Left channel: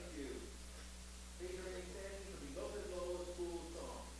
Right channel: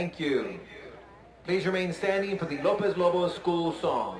Thank you. Please remain standing for the Lopez Lobos school song.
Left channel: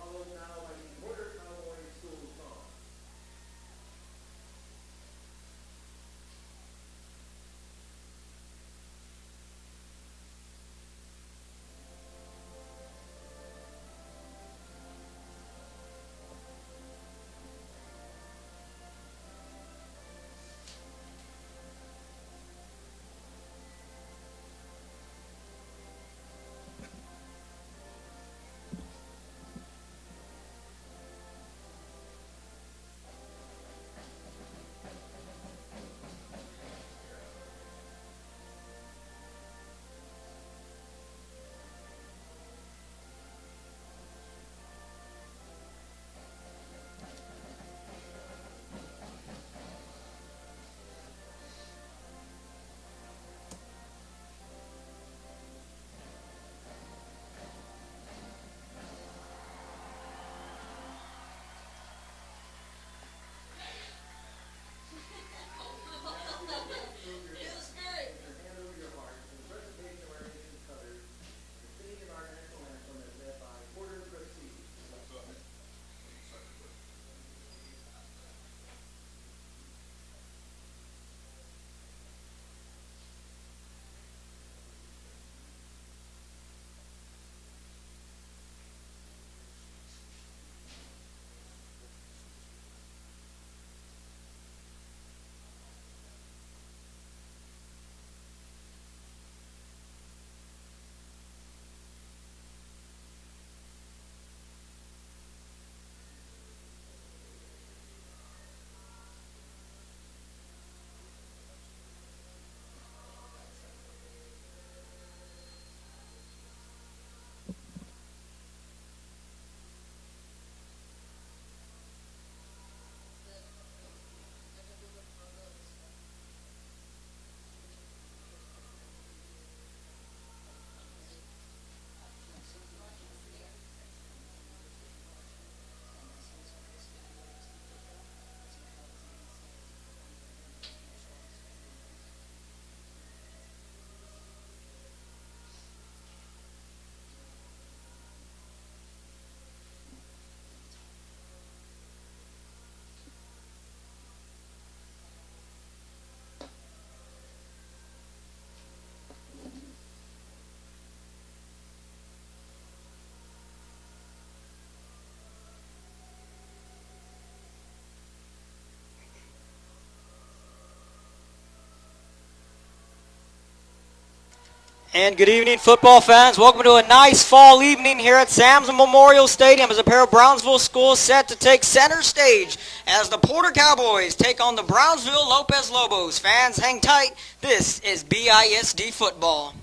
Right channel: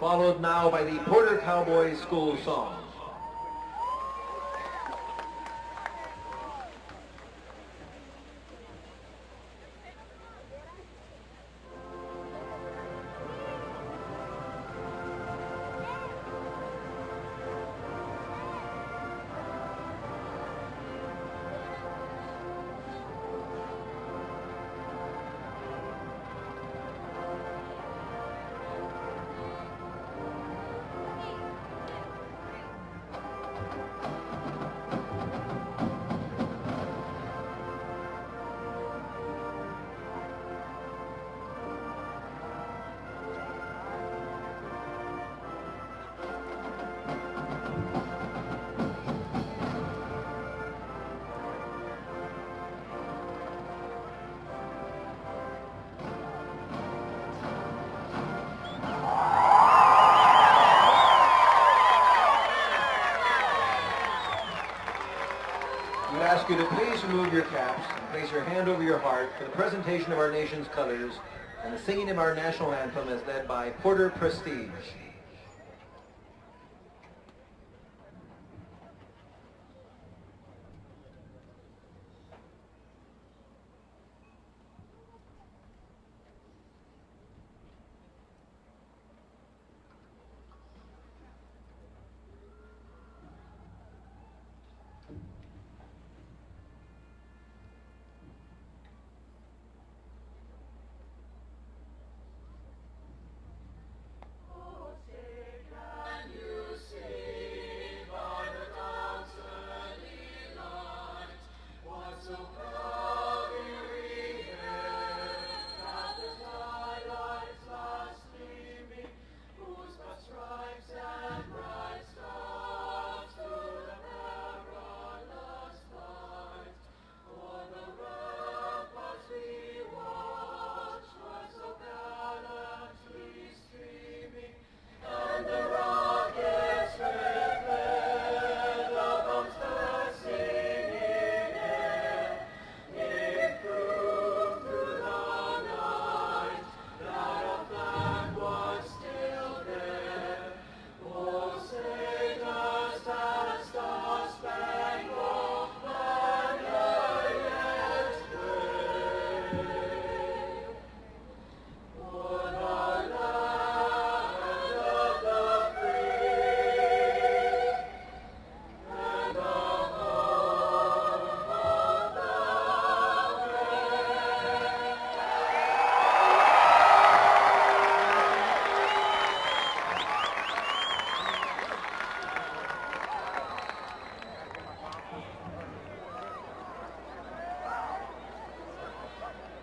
Followed now by the Porter Cowboys school song. We ask you to please remove your caps, place your hand over your heart for the presentation of our nation's colors and the singing of our national anthem as led by Porter Prestige. And good evening, football fans. Welcome to a nice fall evening here at Sam's Memorial Stadium as a pair of Brownsville schools set to take center stage as the Porter Cowboys take on the Brownsville Lopez Lobos. Fans, hang tight. This is BISD football.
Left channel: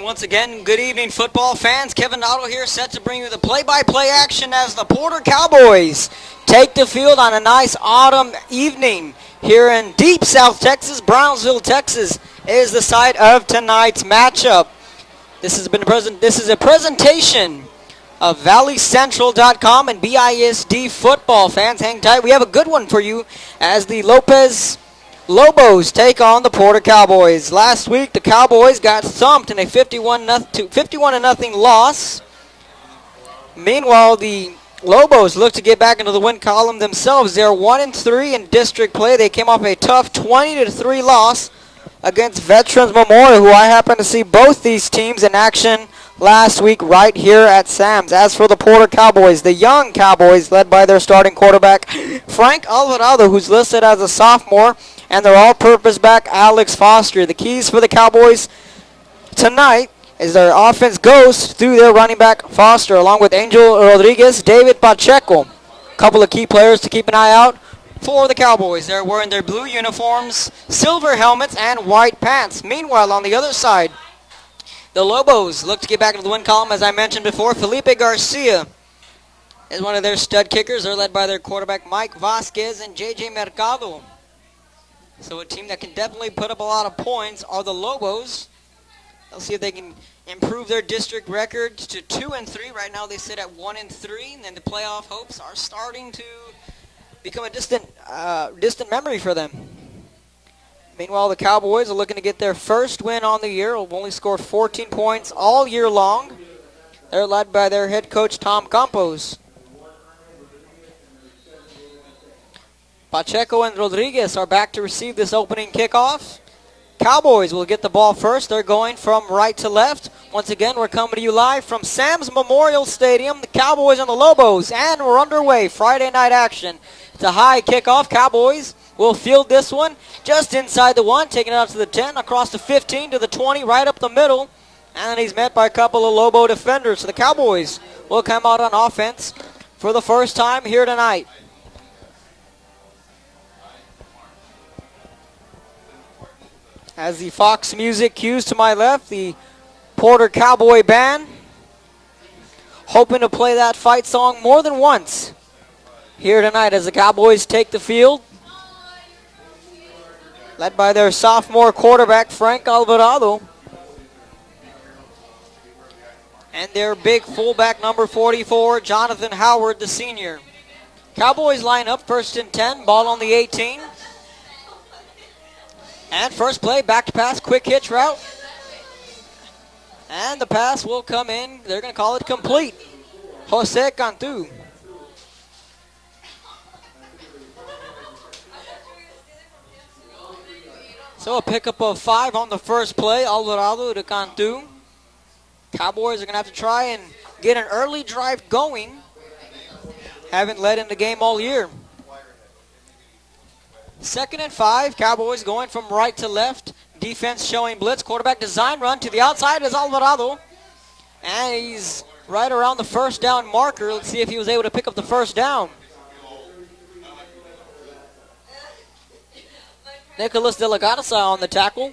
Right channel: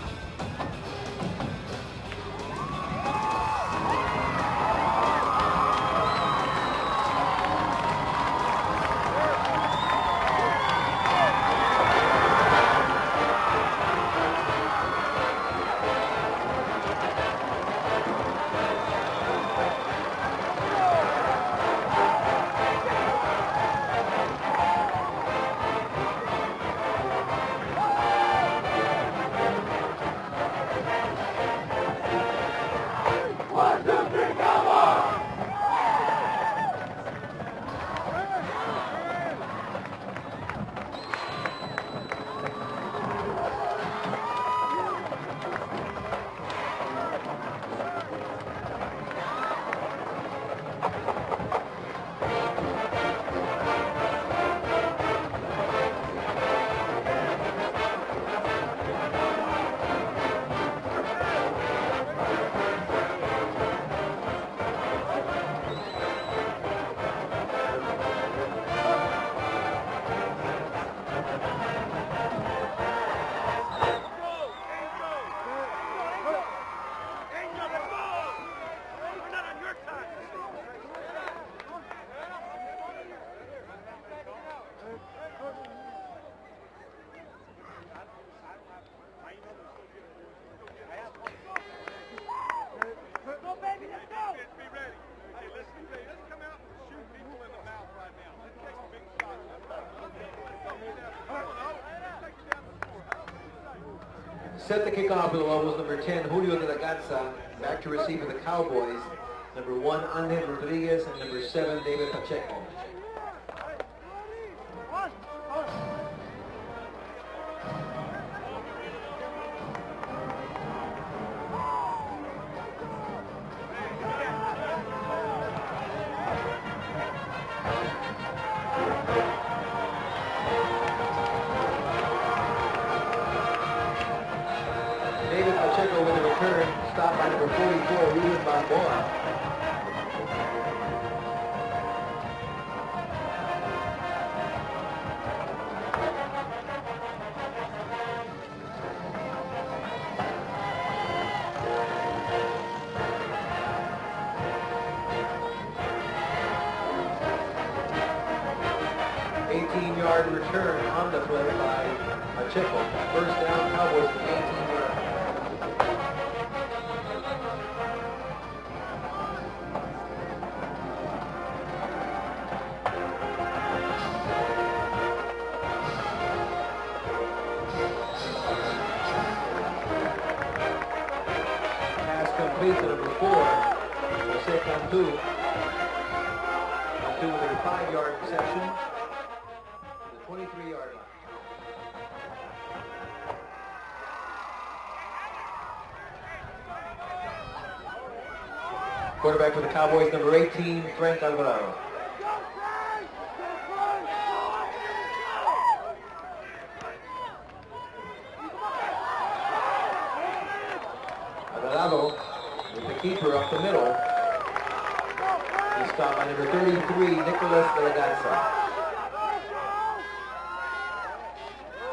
And once again, good evening, football fans. Kevin Otto here, set to bring you the play-by-play action as the Porter Cowboys take the field on a nice autumn evening here in deep South Texas. Brownsville, Texas is the site of tonight's matchup. This is a presentation of ValleyCentral.com and BISD football fans. Hang tight. We have a good one for you as the Lobos take on the Porter Cowboys. Last week, the Cowboys got thumped in a 51-0 loss. Meanwhile, the Lobos look to get back into the win column themselves. They're 1-3 in district play. They came off a tough 20-3 loss against Veterans Memorial, who I happened to see both these teams in action last week right here at Sam's. As for the Porter Cowboys, the young Cowboys led by their starting quarterback, Frank Alvarado, who's listed as a sophomore, and their all-purpose back, Alex Foster. The keys for the Cowboys tonight is their offense goes through their running back, Foster, along with Angel Rodriguez, David Pacheco. A couple of key players to keep an eye out for the Cowboys. They're wearing their blue uniforms, silver helmets, and white pants. Meanwhile, on the other side, the Lobos look to get back into the win column. As I mentioned before, Felipe Garcia is one of their stud kickers. They're led by their quarterback, Mike Vasquez and JJ Mercado. So a team that can definitely put up a lot of points are the Lobos. Let's see if they can improve their district record to 2-3. Right now they sit at 1-3, and the playoff hopes are starting to become a distant memory for them. Meanwhile, the Cowboys are looking to get their first win on the year. They've only scored 14 points all year long. They're led by their head coach, Tom Campos. Number 1, Angel Rodriguez, and number 7, David Pacheco. Pacheco and Rodriguez are back to receive this opening kickoff. Cowboys will get the ball first. They're going from right to left. Once again, we're coming to you live from Sam's Memorial Stadium. The Cowboys and the Lobos, and we're underway. Friday night action. It's a high kickoff. Cowboys will field this one just inside the 1, taking it out to the 10, across the 15 to the 20, right up the middle. And he's met by a couple of Lobo defenders. So the Cowboys will come out on offense for the first time here tonight. As the Fox music cues to my left, the Porter Cowboy Band, hoping to play that fight song more than once here tonight as the Cowboys take the field. 18-yard return. Led by their sophomore quarterback, Frank Alvarado. And their big fullback, number 44, Jonathan Howard, the senior. Cowboys line up first and 10, ball on the 18. And first play, back to pass, quick hitch route. And the pass will come in. They're going to call it complete. Jose Cantu. So a pickup of 5 on the first play, Alvarado to Cantu. Cowboys are going to have to try and get an early drive going. Quarterback for the Cowboys, number 18, haven't led in the game all year. 2nd and 5, Cowboys going from right to left. Defense showing blitz. Quarterback design run to the outside is Alvarado. And he's right around the first down marker. Let's see if he was able to pick up the first down. Number 33, Nicholas De La Garza. Nicholas De La Garza on the tackle.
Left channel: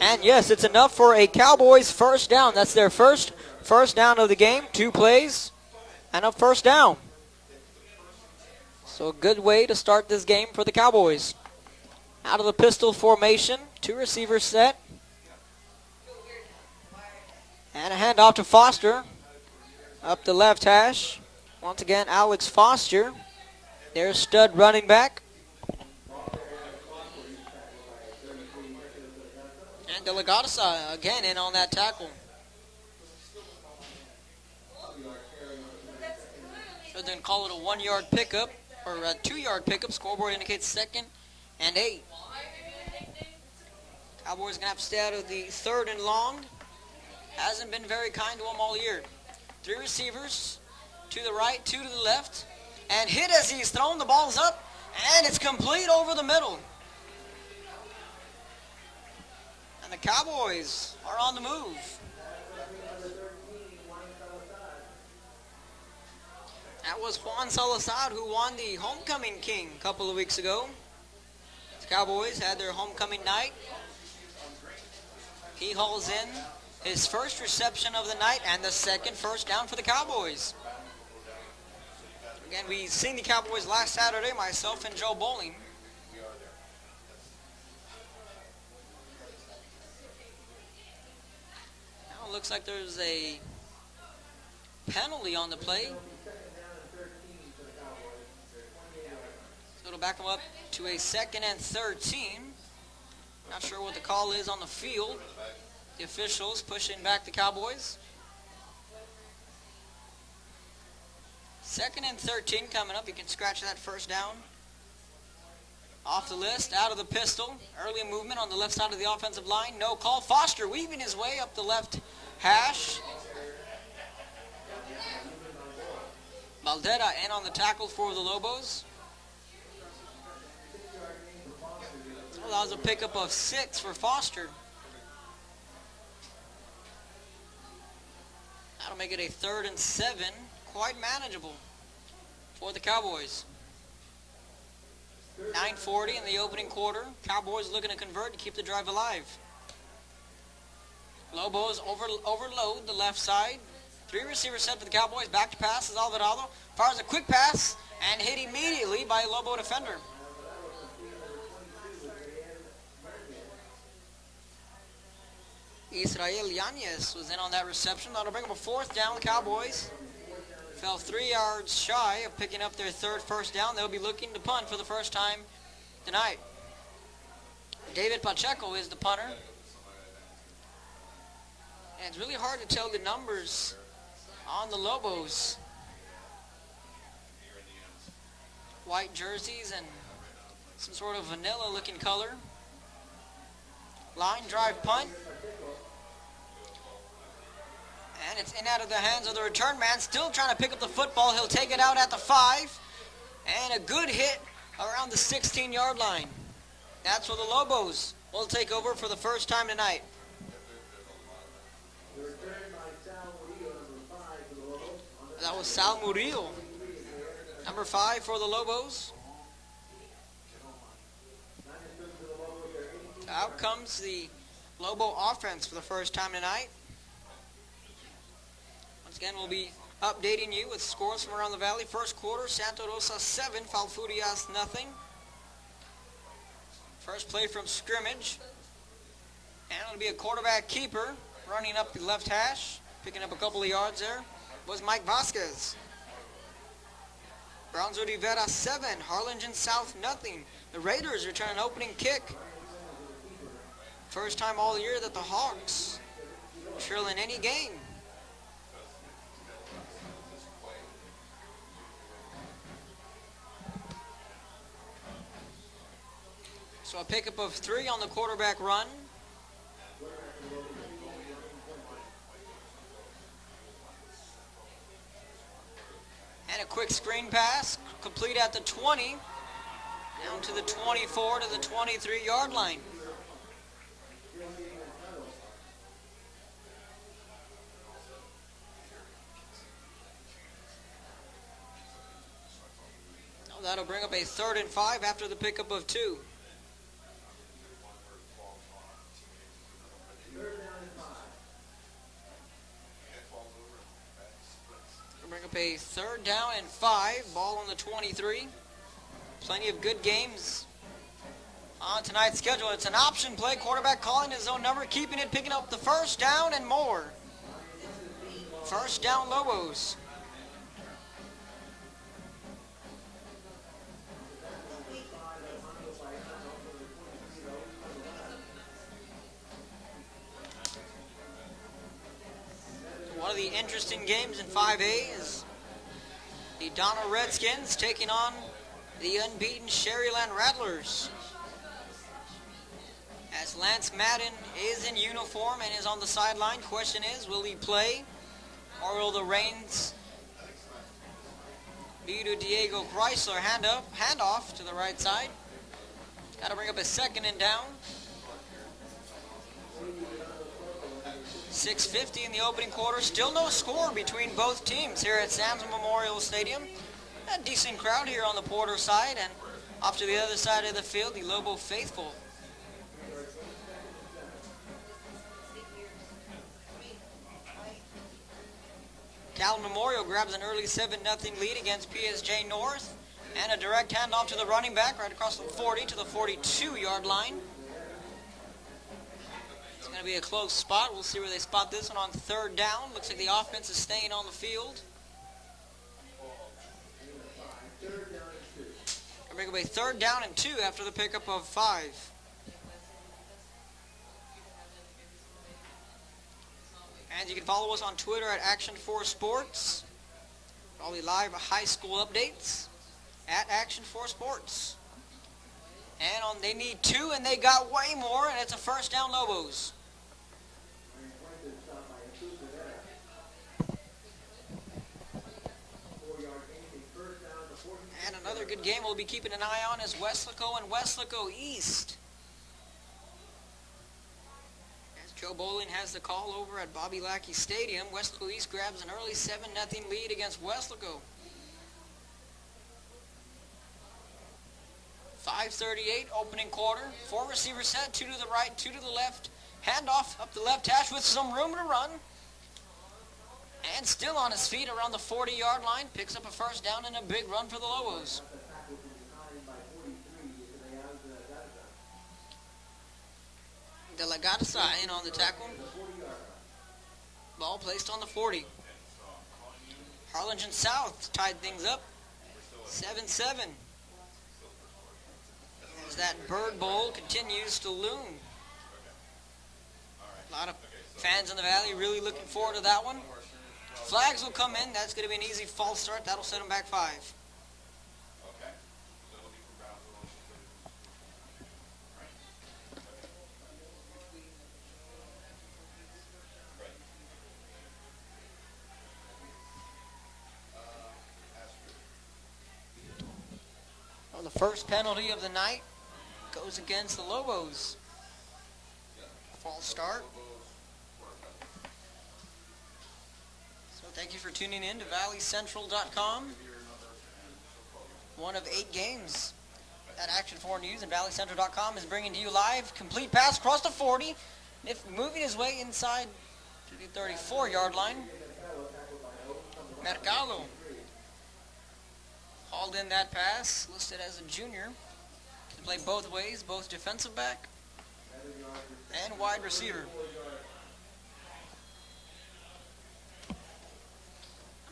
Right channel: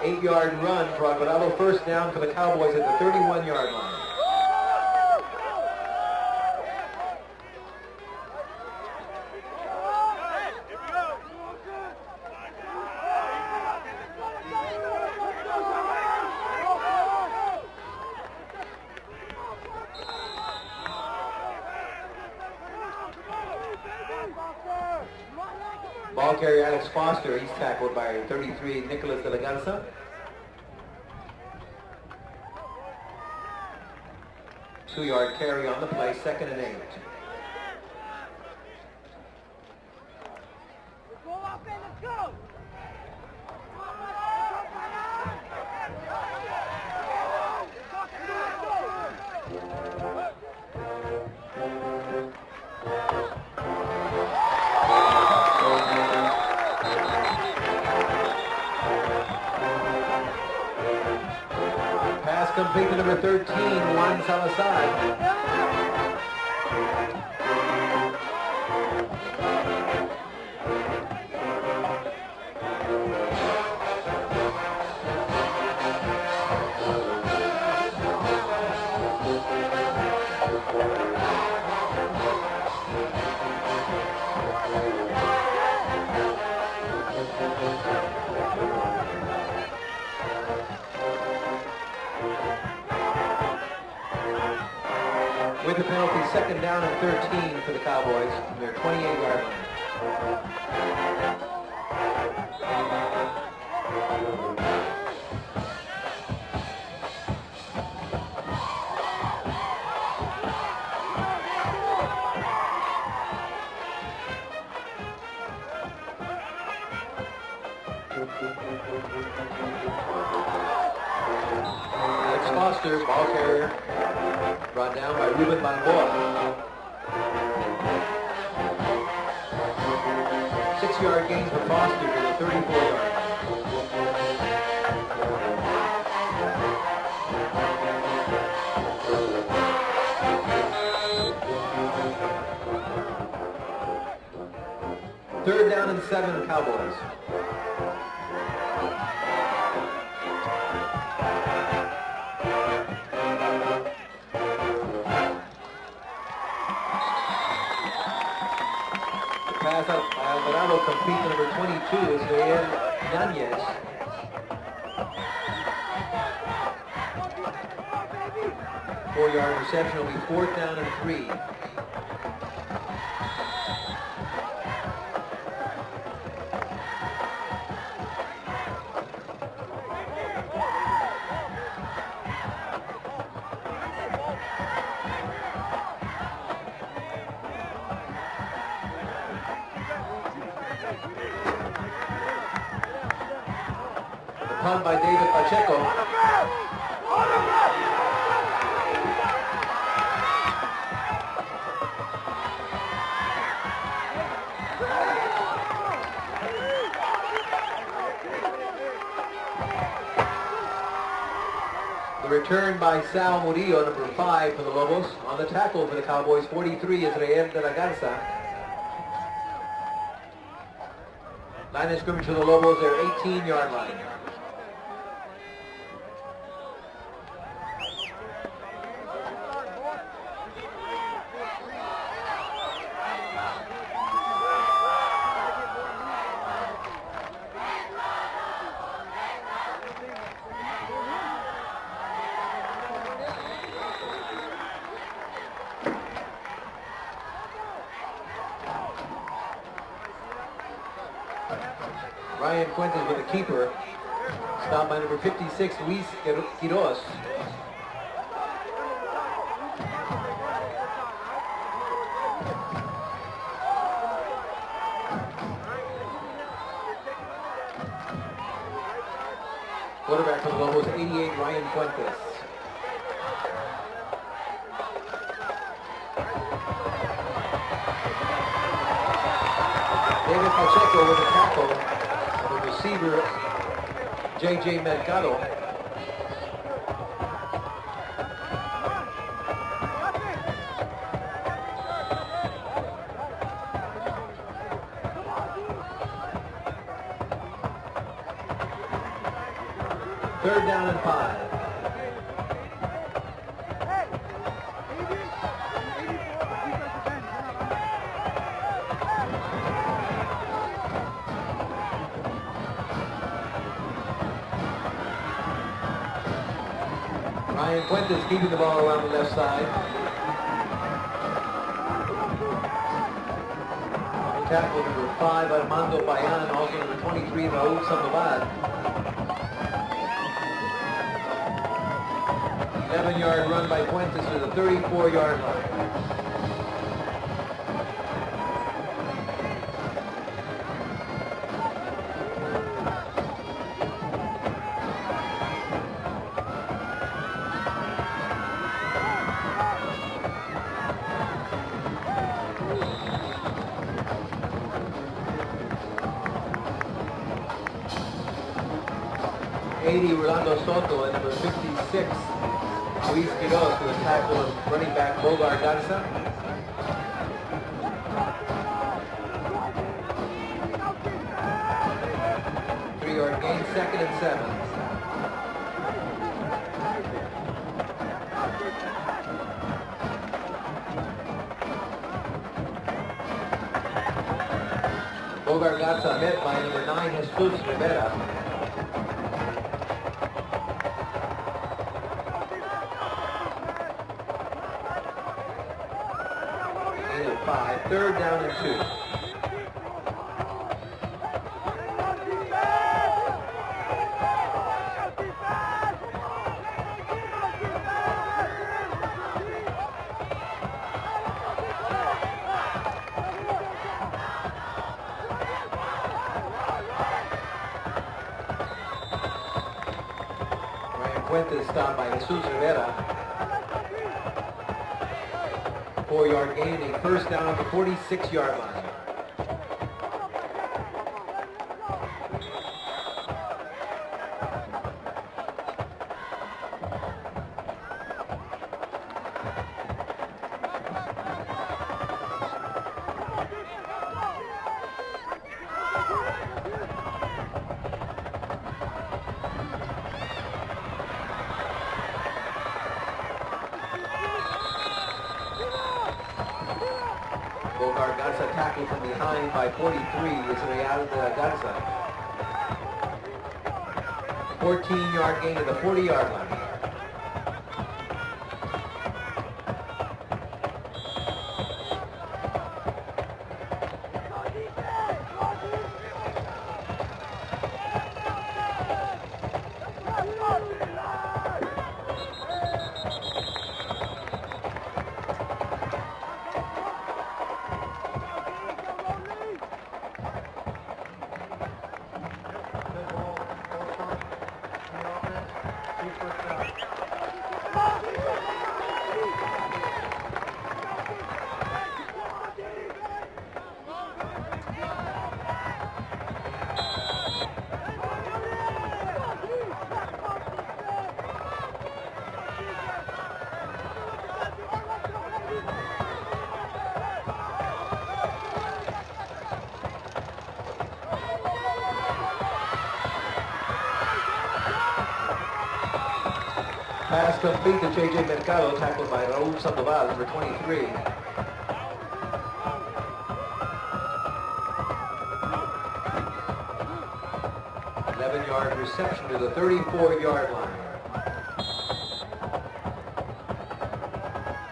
And yes, it's enough for a Cowboys first down. That's their first down of the game. 2 plays and a first down. So a good way to start this game for the Cowboys. Out of the pistol formation, 2 receivers set. And a handoff to Foster. Up the left hash. Once again, Alex Foster. Their stud running back. Ball carrier Alex Foster. He's tackled by 33, Nicholas De La Garza. And De La Garza again in on that tackle. 2-yard carry on the play, 2nd and 8. So they're call it a 1-yard pickup. Or a 2-yard pickup. Scoreboard indicates 2nd and 8. Cowboys gonna have to stay out of the 3rd and long. Hasn't been very kind to them all year. 3 receivers, to the right, 2 to the left. And hit as he's thrown, the ball's up, and it's complete over the middle. The Cowboys are on the move. Pass complete to number 13, Juan Salazar. That was Juan Salazar who won the homecoming game a couple of weeks ago. The Cowboys had their homecoming night. He hauls in his first for the night and the second first down for the Cowboys. And we seen the Cowboys last Saturday, myself and Joe Bunny. Looks like there's a penalty on the play. With the penalty, second down and 13 for the Cowboys from their 28-yard line. Back up to a second and 13. Not sure what the call is on the field. The official is pushing back the Cowboys. Second and 13 coming up. You can scratch that first down. Off the list, out of the pistol. Early movement on the left side of the offensive line. No call. Foster weaving his way up the left hash. Foster, ball carrier, brought down by Ruben Balboa. Valdera in on the tackle for the Lobos. 6-yard gain for Foster to the 34. Browns pick up a 6 for Foster. Making a 3rd and 7 manageable for the Cowboys. 3rd down and 9:40 in 7 the opening Cowboys. quarter. Cowboys looking to convert to keep the drive alive. Lobos overload the left side. 3 receivers set for the Cowboys. Back to pass is Alvarado. Fires a quick pass and hit immediately by Lobo Pass defender. out by Alvarado, complete to number 22, Israel Yanez. Israel Yanez is in on that reception. Got to bring him a 4th down. 4-yard Cowboys reception will be 4th down and fell 3. 3 yards shy of picking up their 3rd first down. They'll be looking to punt for the first time tonight. David Pacheco is the punter. It's really hard to tell the numbers on the Lobos. White jerseys and some sort of vanilla looking color. Line drive Punt by David Pacheco. And it's in out of the hands of the return man. Still trying to pick up the football. He'll take it out at the 5. And a good hit on the 16-yard line. That's where the Lobos will take over for the first time tonight. The return by Sal Murillo, number 5 for the Lobos. On the tackle for the Cowboys, 43, Israel de la Number 5 Garza. for the Lobos. Line of scrimmage for the Lobos, their Out 18-yard line. comes the Lobo offense for the first time tonight. Again, we'll be updating you with scores from around the valley. First quarter, Santa Rosa 7, Falfurrias nothing. First play from scrimmage. And it'll be a quarterback keeper running up the left hash, picking up a couple of yards there. There's Mike Vasquez. Brownswood Rivera 7, Harlingen South nothing. The Raiders return an opening kick. Ryan Fuentes with the keeper. First time all Down year by that number the 56, Hawks Luis Quiroz. drill in any game. So a pickup of 3 on the quarterback run. Quarterback for the Lobos, 88, Ryan Fuentes. And a quick screen pass, complete at the 20. David Pacheco with the On tackle. the 23-yard The line. receiver, J.J. Mercado. That'll bring up a 3rd and 5 after the pickup of 2. 3rd down and 5. A 3rd down and 5 on the 23. Plenty of good games on tonight's schedule. It's an option play. Quarterback calling his own number, keeping it, picking up the first down and more. Ryan Fuentes keeping the ball around First the down left side. Lobos. Tackle number 5, Armando Bayan, also number 23, Raul Sandoval. 11-yard run by Interesting Fuentes game to with the the 5As. 34-yard line. The Donald Redskins taking on the unbeaten Sherryland Rattlers. As Lance Madden is in uniform and is on the sideline, question is, will he play or will the reins be to Diego Chrysler? Handoff to the right side. That'll bring up a 2nd and down. 80, Rolando Soto, and number 56. 6:50 in the opening quarter. Still no Luis Quiroz score to the between tackle, both running teams back here at Bogar San Johnson. Memorial Stadium. A decent crowd here on the Porter side, and off to the other side of the field, the Lobo faithful. 3-yard gain, 2nd and 7. Cal Memorial grabs an early 7-0 lead against PSG North. And a direct handoff to the running back right across the 40 to the 42-yard line. It's going to be a close spot. We'll see where they spot this one on 3rd down. Looks like the offense is staying on the field. 5, 3rd down and 2. Bring away 3rd down and 2 after the pickup of 5. And you can follow us on Twitter at Action4Sports. On the live high school updates at Action4Sports. And they need 2, and they got way more, and it's a 1st down Lobos. Ryan Fuentes stopped by Jesus Rivera. 4-yard gain, a 1st down on the 46-yard line. The game we'll be keeping an eye on is Weslaco and Weslaco East. Joe Bowling has the call over at Bobby Lackey Stadium. Weslaco East grabs an early 7-0 lead against Weslaco. 5:38 opening quarter. 4 receivers set, 2 to the right, 2 to the left. Handoff the left hash with some room to run. And still on his feet around the 40-yard line. Picks up a 1st down and a big one for the Lobos. Garza tackled from behind by 43. It's a Real Garza. 14-yard gain to the 40-yard line. Ball placed on the 40. Harlingen South tied things up. 7-7. As that Bird Bowl continues to loom. Fans in the Valley really looking forward to that one. Flags will come in. That's going to be an easy false start. That'll set them back 5. The first penalty of the night goes against the Lobos. Start. Thank you for tuning in to ValleyCentral.com. One of 8 games at Action 4 News and ValleyCentral.com is bringing to you live. Complete pass across the 40. It's moving his way inside. Pass complete to J.J. Mercado, tackled by Raul Sandoval, number 23. All in that pass, listed as a junior. Can play both ways, both defensive back. 11-yard reception to the 34-yard line.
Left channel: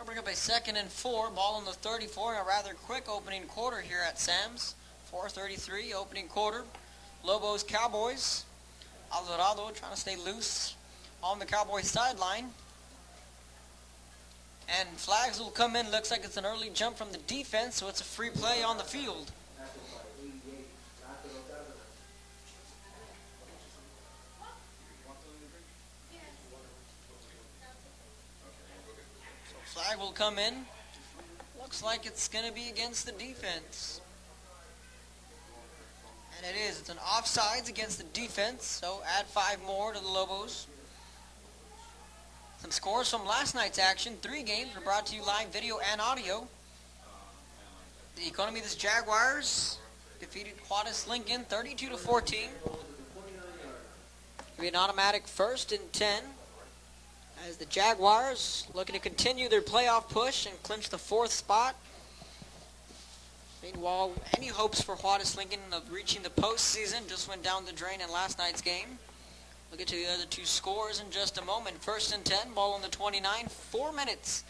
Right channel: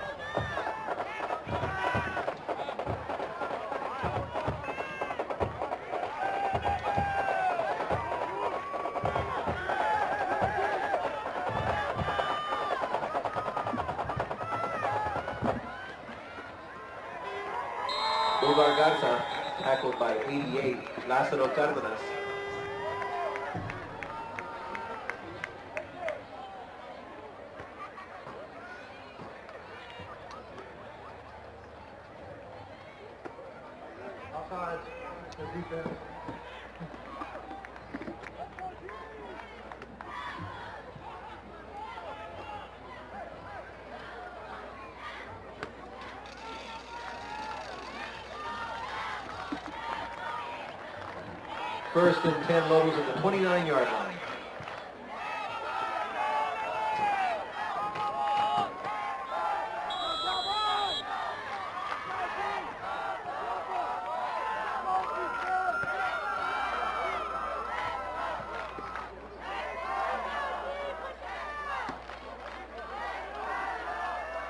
Bring up a 2nd and 4, ball on the 34, a rather quick opening quarter here at Sam's. 4:33 opening quarter. Lobos Cowboys. Alvarado trying to stay loose on the Cowboys sideline. And flags will come in. Looks like it's an early jump from the defense, so it's a free play on the field. Tackled by 88, Lázaro Cárdenas. Flag will come in. Looks like it's going to be against the defense. And it is. It's an offsides against the defense, so add 5 more to the Lobos. Some scores from last night's action. 3 games were brought to you live video and audio. The Economist Jaguars defeated Quadus Lincoln 32-14. 1st and 10 Lobos at the 29-yard line. Be an automatic 1st and 10. As the Jaguars looking to continue their playoff push and clinch the 4th spot. Meanwhile, any hopes for Quadus Lincoln of reaching the postseason just went down the drain in last night's game. We'll get to the other 2 scores in just a moment. 1st and 10, ball on the 29, 4 minutes.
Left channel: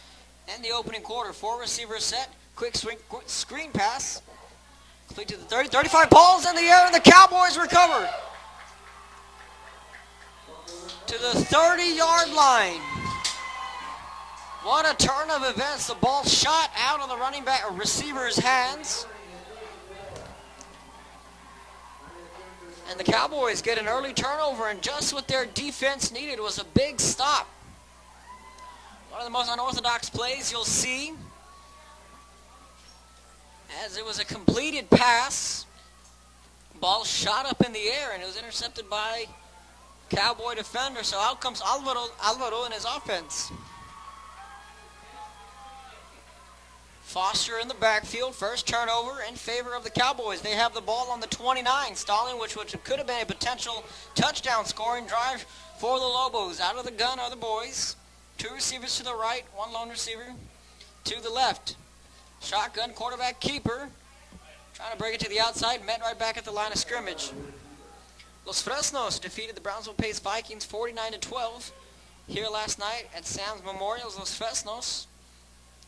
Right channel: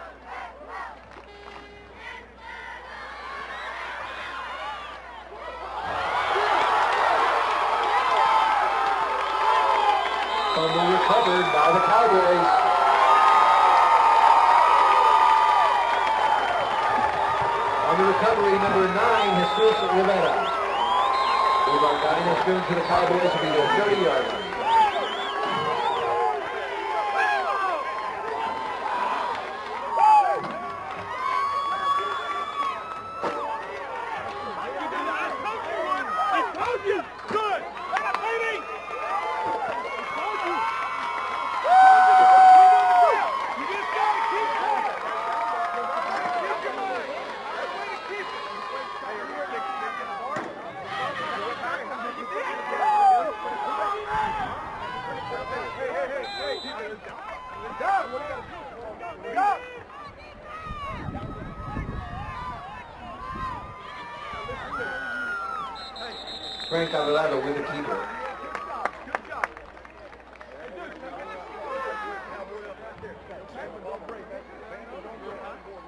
And the opening quarter, 4 receivers set. Quick swing, quick screen pass. Complete to the 30, 35 balls in the air, and the Cowboys recovered. To the 30-yard line. What a turn of events. The ball shot out of the running back receiver's hands. The Cowboys get an early turnover, and just what their defense needed was a big stop. One of the most unorthodox plays you'll see, as it was a completed pass. Ball shot up in the air. It was intercepted by Cowboy defender, so out comes Alvaro in his offense. Foster in the backfield. First turnover in favor of the Cowboys. They have the ball on the 29. Stalling, which could have been a potential touchdown scoring drive for the Lobos. Out of the gun are the boys. Two receivers to the right, one lone receiver to the left. Shotgun quarterback keeper. Trying to break it to the outside, met right back at the line of scrimmage. Los Fresnos defeated the Brownsville-Paced Vikings 49-12 here last night at Sam's Memorial. Los Fresnos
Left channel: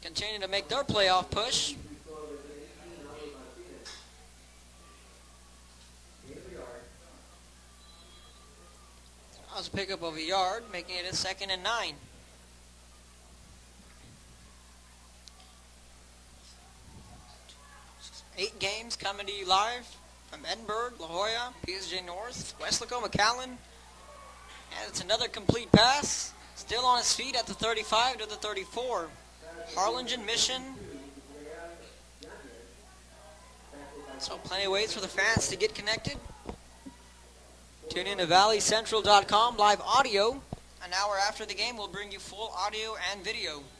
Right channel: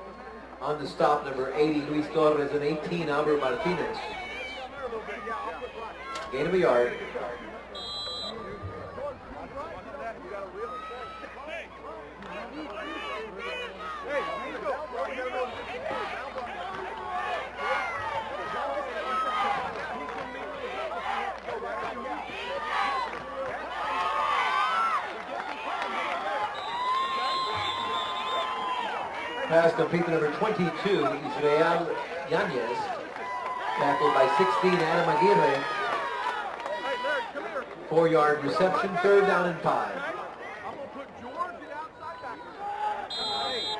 continue to make their playoff push. 80, Luis Torres, and 18, Albert Martinez. Gain of a yard. Let's pick up of a yard, making it a 2nd and 9. 8 games coming to you live from Edinburgh, La Jolla, PSG North, Mexico, McAllen. It's another complete pass. Still on his feet at the 35 to the 34. Pass complete number 22, Israel Yanez. Tackled by 16, Adam Aguirre. Get connected. 4 yards. TuneInToValleyCentral.com live audio. An hour after the game, we'll bring you full audio and video.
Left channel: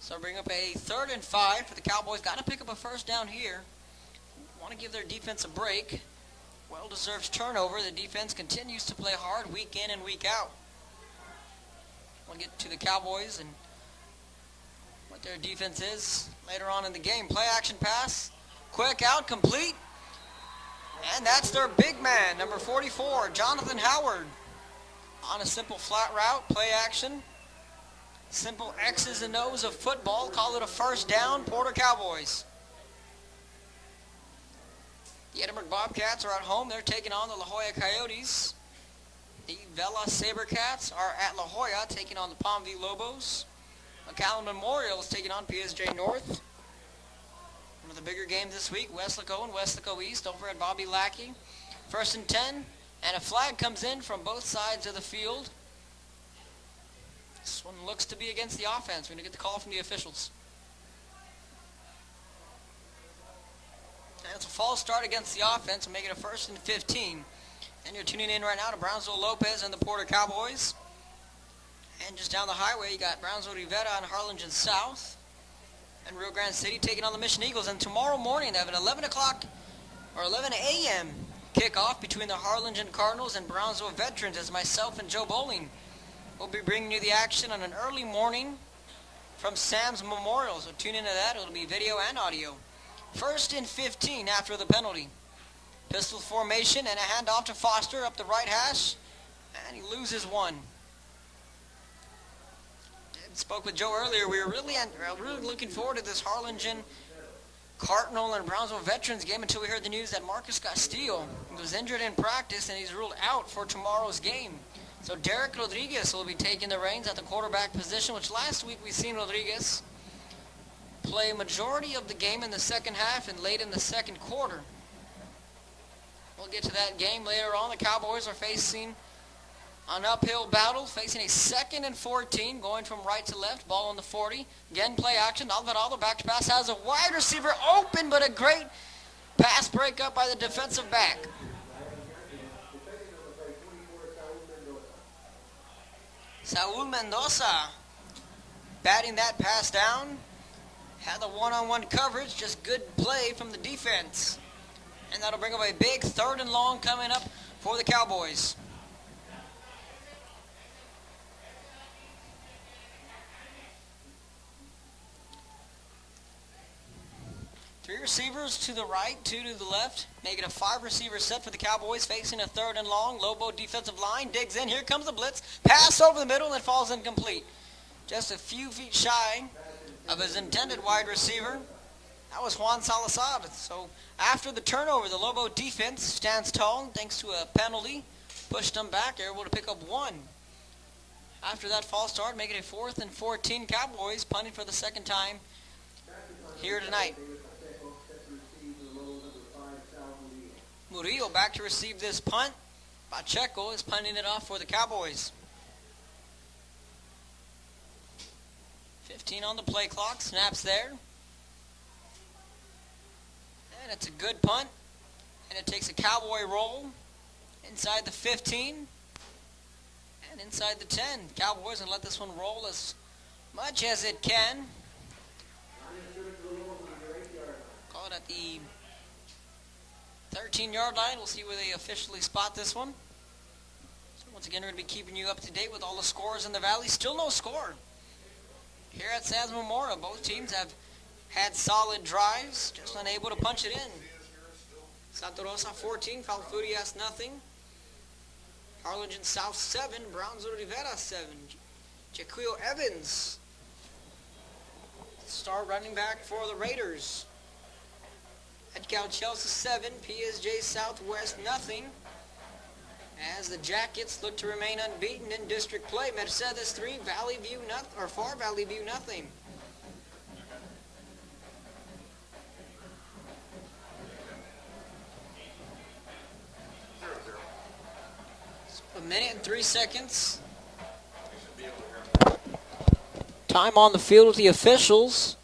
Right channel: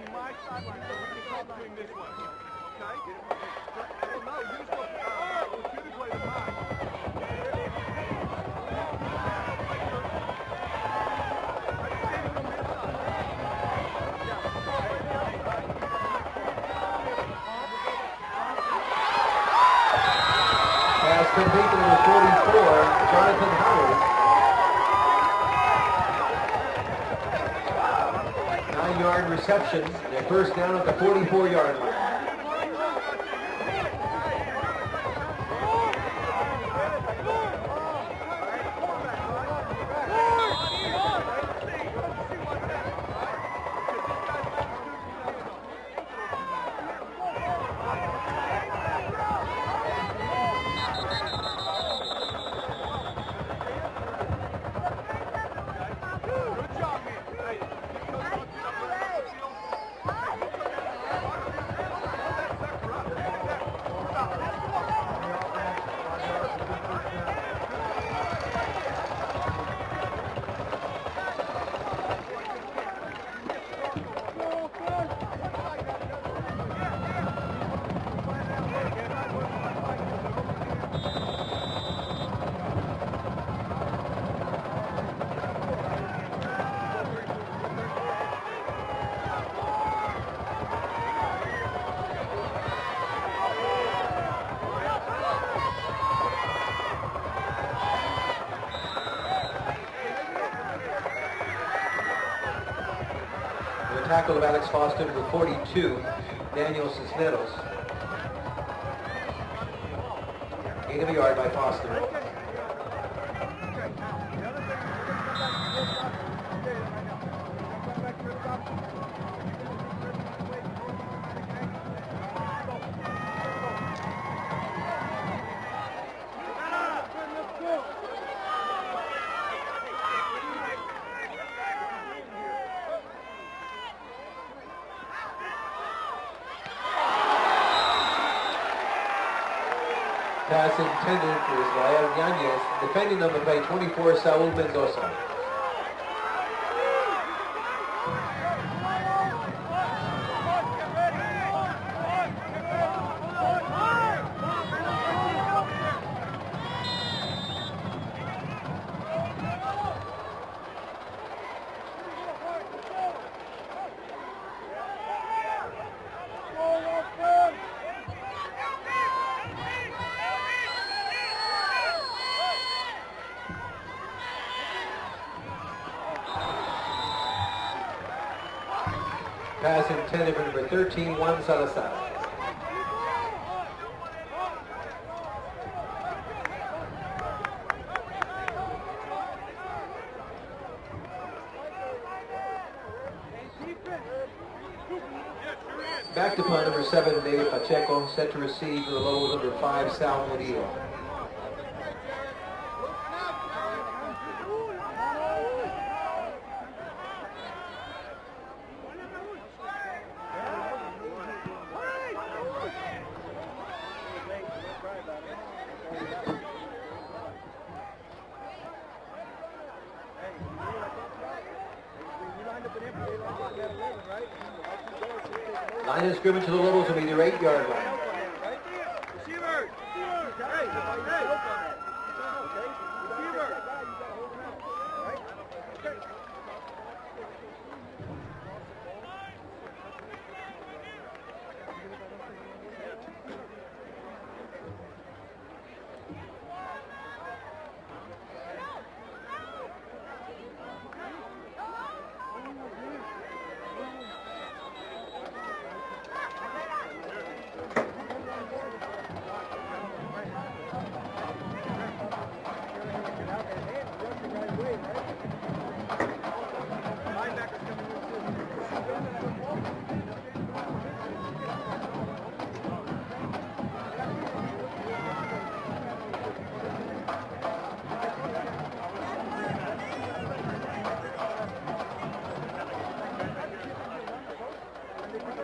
So bring up a 3rd and 5 for the Cowboys. Got to pick up a first down here. Want to give their defense a break. Deserves turnover. The defense continues to play hard week in and week out. Get to the Cowboys. Their defense is later on in the game. Play action pass. Quick out, complete. And that's their big man. 44, Jonathan Howard. On a simple flat route, play action. 9-yard reception. First down at the 44-yard. Cowboys. The Bobcats are at home. They're taking on the La Jolla Coyotes. The Vela Sabercats are at La Jolla taking on the Palmville Lobos. McAllen Memorial is taking on PSG North. The bigger game this week, Westlaco East over at Bobby Lackey. 1st and 10, and a flag comes in from both sides of the field. Looks to be against the offense. We're going to get the call from the officials. It's a false start against the offense, making a 1st and 15. And we're tuning in right now to Brownsville Lopez and the Porter Cowboys. And just down the highway, you got Brownsville Rivera and Harlingen South. And Rio Grande City taking on the Mission Eagles. And tomorrow morning, they have an 11 o'clock or 11 a.m. kickoff between the Harlingen Cardinals and Brownsville Veterans as myself and Joe Bowling. We'll be bringing you the action on an early morning from Sam's Memorial. So tune into that. It'll be video and audio. 1st and 15 after the penalty. Pistol formation and a handoff to Foster up the right hash. And he loses one. Spoke with Joe earlier. We were really looking forward to this Harlingen Cardinal and Brownsville Veterans game until we heard the news that Marcus Castillo is injured in practice and he's ruled out for tomorrow's game. So Derek Rodriguez will be taking the reins at the quarterback position, which last week we've seen Rodriguez play a majority of the game in the second half and late in the second quarter. We'll get to that game later on. The Cowboys are facing an uphill battle, facing a 2nd and 14, going from right to left, ball on the 40. Again, play action. Alvarado back to pass, has a wide receiver open, but a great pass breakup by the defensive back. Defending number play 24, Saul Mendoza. Saul Mendoza batting that pass down. And the one-on-one coverage, just good play from the defense. And that'll bring away a big 3rd and long coming up for the Cowboys. Receivers to the right, 2 to the left, making a 5-receiver set for the Cowboys, facing a 3rd and long. Lobo defensive line digs in. Here comes the blitz. Pass over the middle and falls incomplete. Just a few feet shy of his intended wide receiver. That was Juan Salazar. So after the turnover, the Lobo defense stands tall thanks to a penalty. Pushed them back. They're able to pick up 1. After that false start, making a 4th and 14. Cowboys punting for the 2nd time. Back to punt number 7, David Pacheco, set to receive the Lobos number 5, Sal Murillo. Murillo back to receive this punt. Pacheco is punting it off for the Cowboys. 15 on the play clock, snaps there. And it's a good punt. And it takes a Cowboy roll inside the 15. Inside the 10. Cowboys will let this one roll as much as it can. Line of scrimmage to the Lobos will be their 8-yard line. 13-yard line. We'll see where they officially spot this one. Once again, we're going to be keeping you up to date with all the scores in the Valley. Still no score here at Sam's Memorial. Both teams have had solid drives, just unable to punch it in. Santa Rosa 14, Falfurias nothing. Harlingen South 7, Brownsville Rivera 7. Jaquil Evans, star running back for the Raiders. Edcal Chelsea 7, PSJ Southwest nothing. As the Jackets look to remain unbeaten in district play. Mercedes 3, Valley View nothing, or Far Valley View nothing. A minute and 3 seconds. Time on the field with the officials.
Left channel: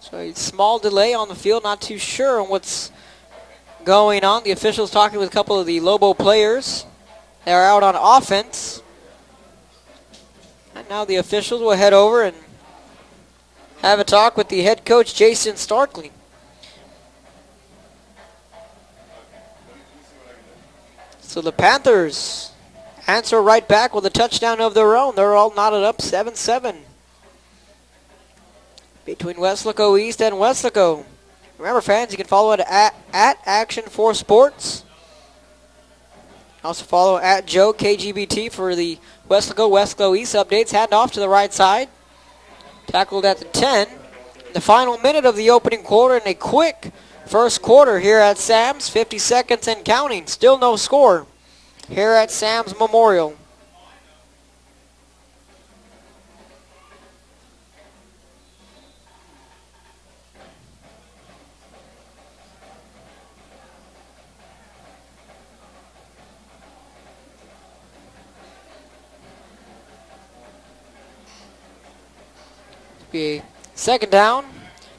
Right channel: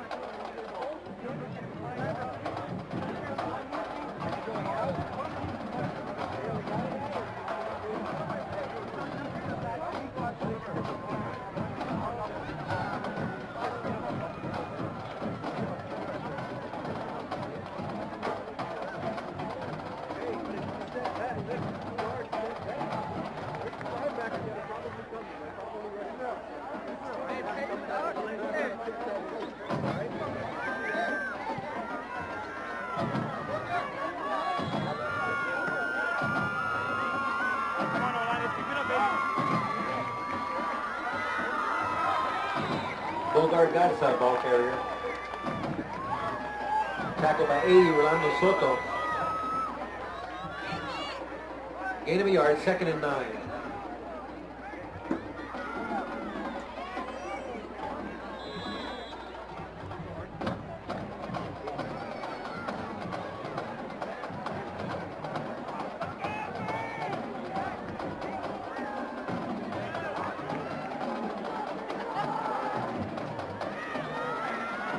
So a small delay on the field, not too sure on what's going on. The officials talking with a couple of the Lobo players. They are out on offense. And now the officials will head over and have a talk with the head coach, Jason Starkley. So the Panthers answer right back with a touchdown of their own. They're all knotted up 7-7. Between Weslaco East and Weslaco. Remember, fans, you can follow it at Action4Sports. Also follow at Joe KGBT for the Weslaco East updates. Hand off to the right side. Tackled at the 10. The final minute of the opening quarter and a quick first quarter here at Sam's. 50 seconds and counting. Still no score here at Sam's Memorial. A second down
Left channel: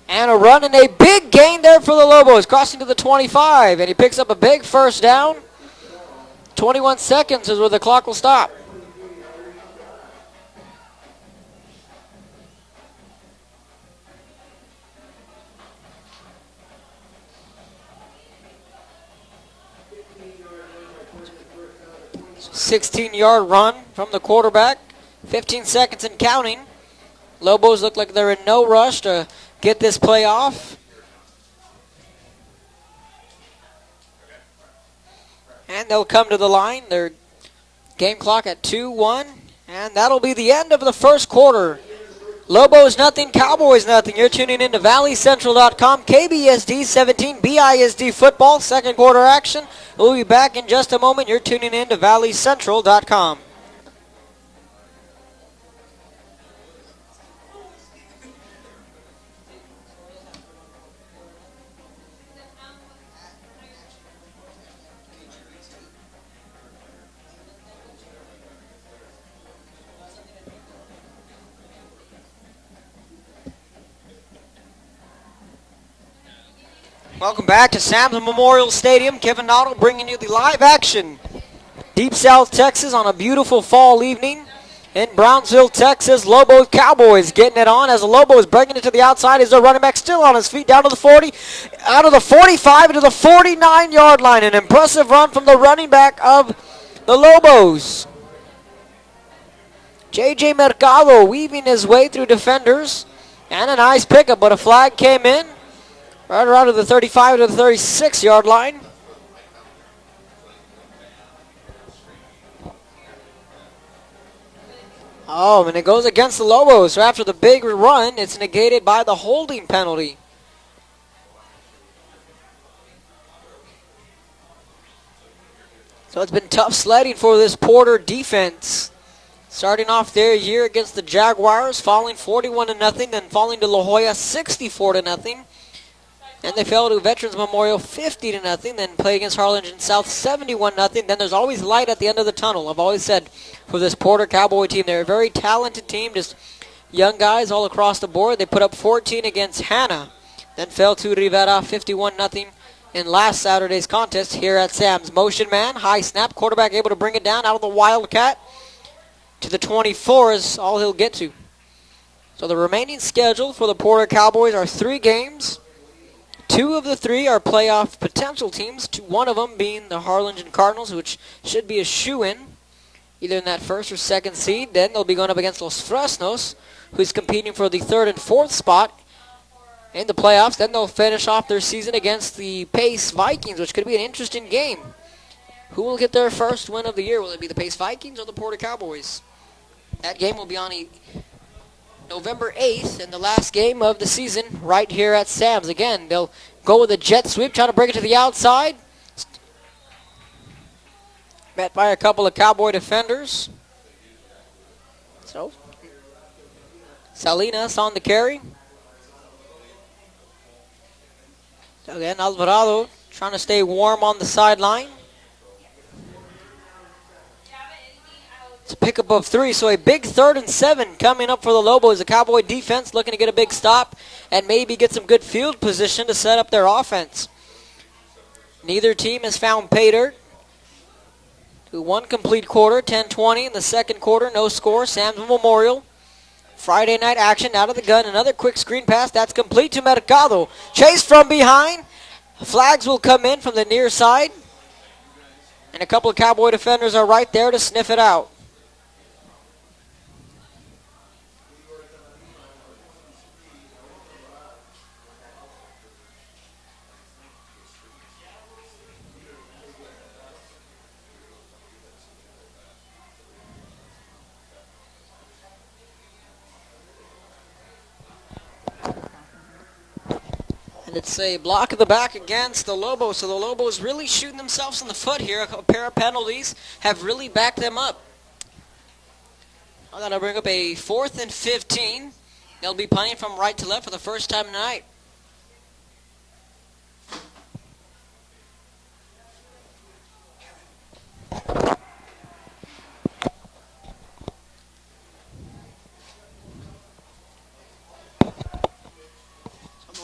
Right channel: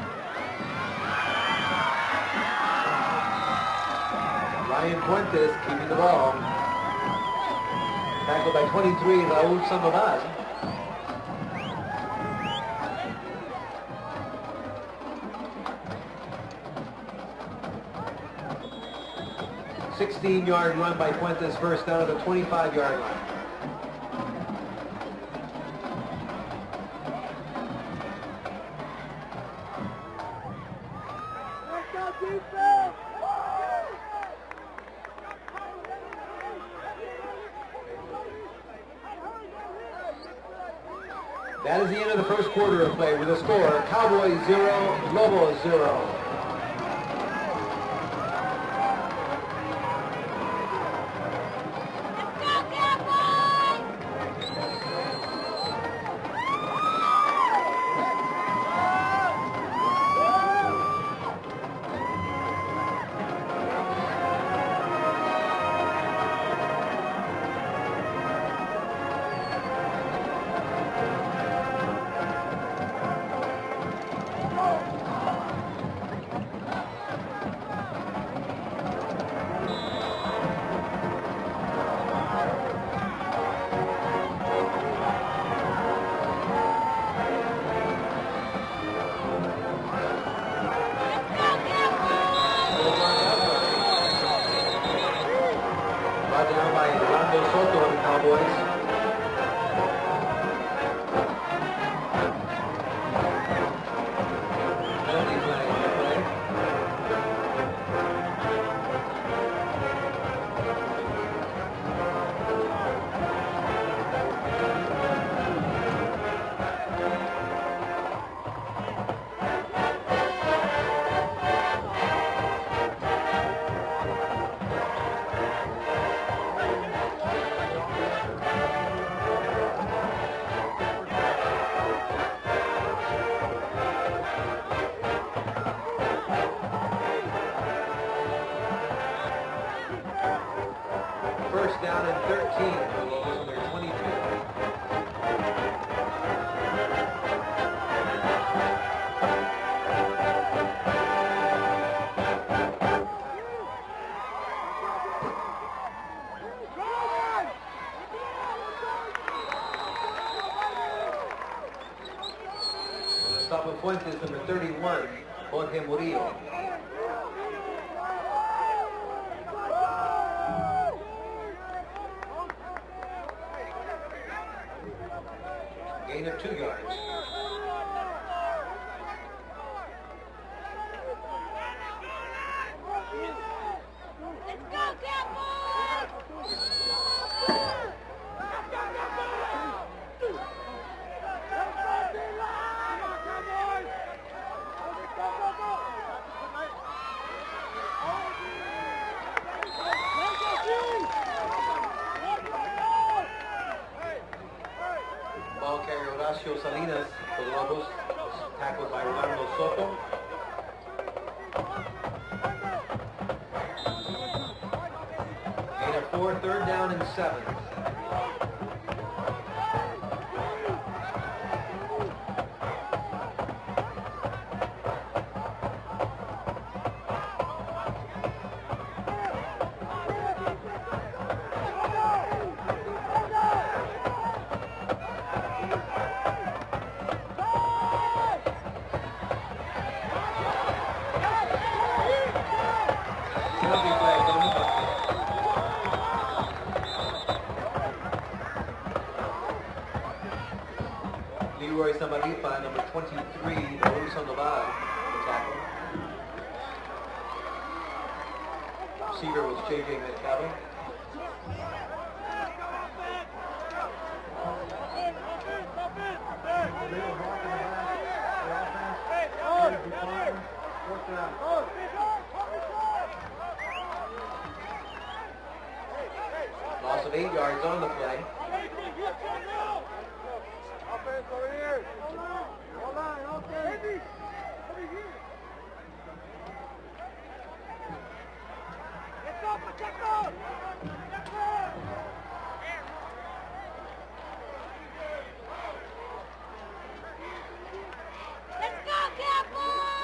and a run and a big gain there for the Lobos, crossing to the 25, and he picks up a big first down. 21 seconds is where the clock will stop. By 23, Raul Sandoval. $16-yard run by Fuentes, first down at the 25. 16-yard run from the quarterback. 15 seconds and counting. Lobos look like they're in no rush to get this play off. And they'll come to the line. Their game clock at 2-1. And that'll be the end of the first quarter. Lobos nothing, Cowboys nothing. You're tuning in to ValleyCentral.com. KBSD 17, BISD football, second quarter action. We'll be back in just a moment. You're tuning in to ValleyCentral.com. Welcome back to Sam's Memorial Stadium. Kevin Noddle bringing you the live action. Deep South Texas on a beautiful fall evening. In Brownsville, Texas, Lobo Cowboys getting it on as the Lobos breaking it to the outside. Is their running back still on his feet down to the 40, out of the 45 to the 49-yard line. An impressive run from the running back of the Lobos. J.J. Mercado weaving his way through defenders. And a nice pickup, but a flag came in. Right around to the 35 to the 36-yard line. Oh, and it goes against the Lobos. So after the big run, it's negated by the holding penalty. So it's been tough sledding for this Porter defense. Starting off their year against the Jaguars, falling 41-0, then falling to La Jolla 64-0. And they fell to Veterans Memorial 50-0, then play against Harlingen South 71-0. Then there's always light at the end of the tunnel. I've always said for this Porter Cowboy team, they're a very talented team, just young guys all across the board. They put up 14 against Hanna, then fell to Rivera 51-0 in last Saturday's contest here at Sam's. Motion man, high snap, quarterback able to bring it down out of the Wildcat to the 24 is all he'll get to. So the remaining schedule for the Porter Cowboys are 3 games. 2 of the 3 are playoff potential teams, one of them being the Harlingen Cardinals, which should be a shoo-in, either in that first or second seed. Then they'll be going up against Los Fresnos, who's competing for the 3rd and 4th spot in the playoffs. Then they'll finish off their season against the Pace Vikings, which could be an interesting game. Who will get their first win of the year? Will it be the Pace Vikings or the Porter Cowboys? That game will be on November 8th in the last game of the season right here at Sam's. Again, they'll go with a jet sweep, trying to break it to the outside. Met by a couple of Cowboy defenders. So, Salinas on the carry. Again, Alvarado trying to stay warm on the sideline. Third down and 7. It's a pickup of 3, so a big 3rd and 7 coming up for the Lobos. The Cowboy defense looking to get a big stop and maybe get some good field position to set up their offense. Neither team has found pay dirt. 1 complete quarter, 10-20 in the second quarter, no score. Sam's Memorial. Friday night action out of the gun. Another quick screen pass. That's complete to Mercado. Chase from behind. Flags will come in from the near side. And a couple of Cowboy defenders are right there to sniff it out. Leroy Samaripa, number 23, Luis Sandoval, the tackle. Receiver was J.J. Mercado. It's a block at the back against the Lobos, so the Lobos really shooting themselves in the foot here. A pair of penalties have really backed them up. That'll bring up a 4th and 15. They'll be punting from right to left for the first time tonight.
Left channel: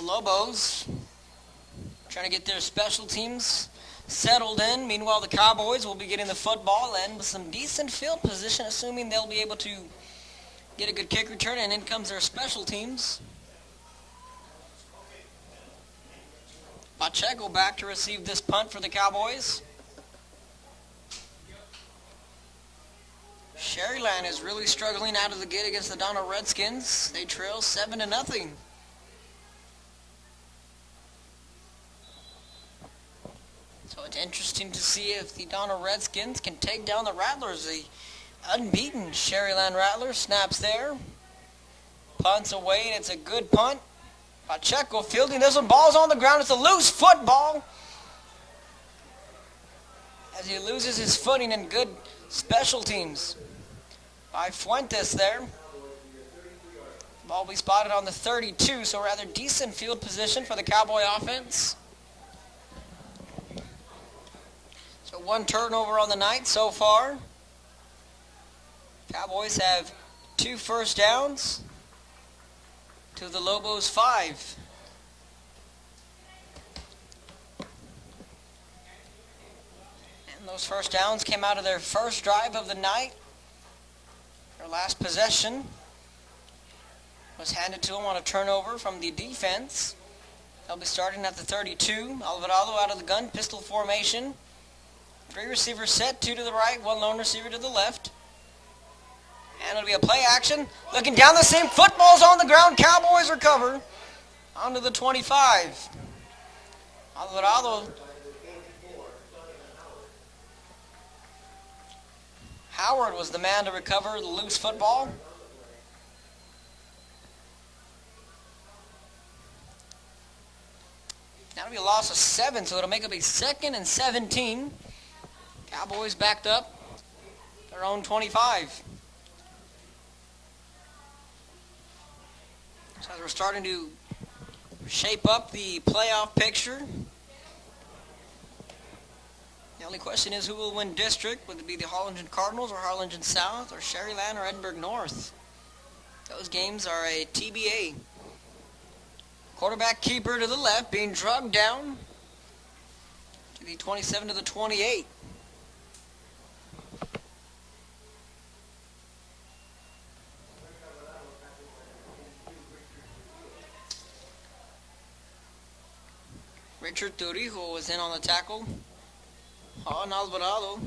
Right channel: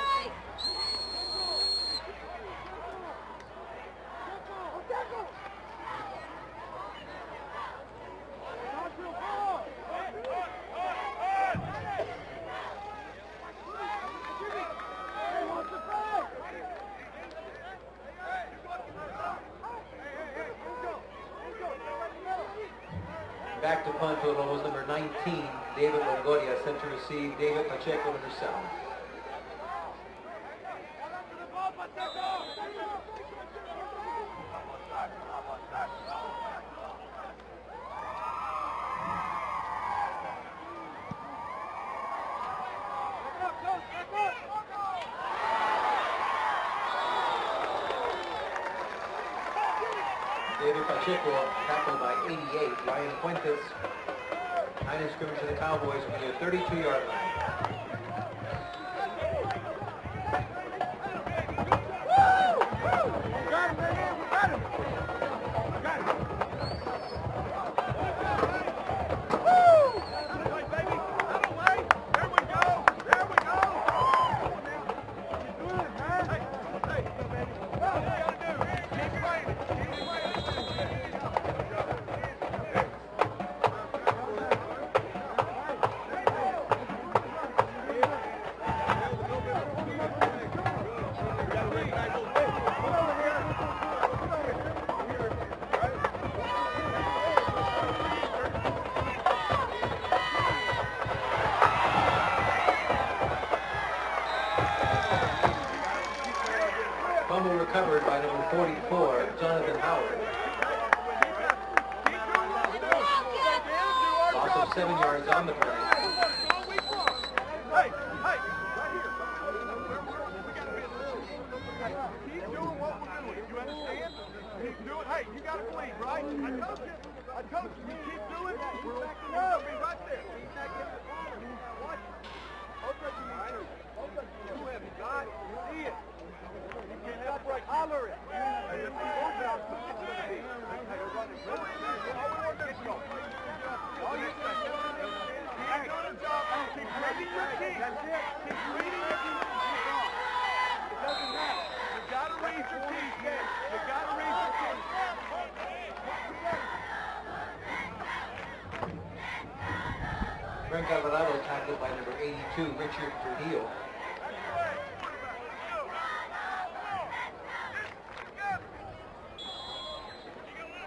Lobos trying to get their special teams settled in. Meanwhile, the Cowboys will be getting the football and with some decent field position, assuming they'll be able to get a good kick return, and in comes their special teams. Pacheco back to receive this punt for the Cowboys. Sherryland is really struggling out of the gate against the Donald Redskins. They trail 7-0. So it's interesting to see if the Donald Redskins can take down the Rattlers. The unbeaten Sherryland Rattlers snaps there. Punts away, and it's a good punt. Pacheco fielding this one. Ball's on the ground. It's a loose football. As he loses his footing in good special teams. By Fuentes there. Ball be spotted on the 32, so rather decent field position for the Cowboy offense. So 1 turnover on the night so far. Cowboys have 2 first downs to the Lobos 5. Those first downs came out of their first drive of the night. Last possession was handed to him on a turnover from the defense. They'll be starting at the 32. Alvarado out of the gun, pistol formation. 3 receivers set, 2 to the right, 1 lone receiver to the left. And it'll be a play action. Looking down the seam, football's on the ground. Cowboys recover onto the 25. Alvarado recovered by number 44, Jonathan Howard. Howard was the man to recover the loose football. 7 yards on the play. Now we lost a 7, so it'll make up a 2nd and 17. Cowboys backed up their own 25. So we're starting to shape up the playoff picture. The only question is who will win district. Will it be the Harlingen Cardinals or Harlingen South or Sherryland or Edinburgh North? Those games are a TBA. Quarterback keeper to the left being drugged down to the 27 to the 28. Frank Alvarado tackled by number 82, Richard Trujillo. Richard Trujillo was in on the tackle on Alvarado.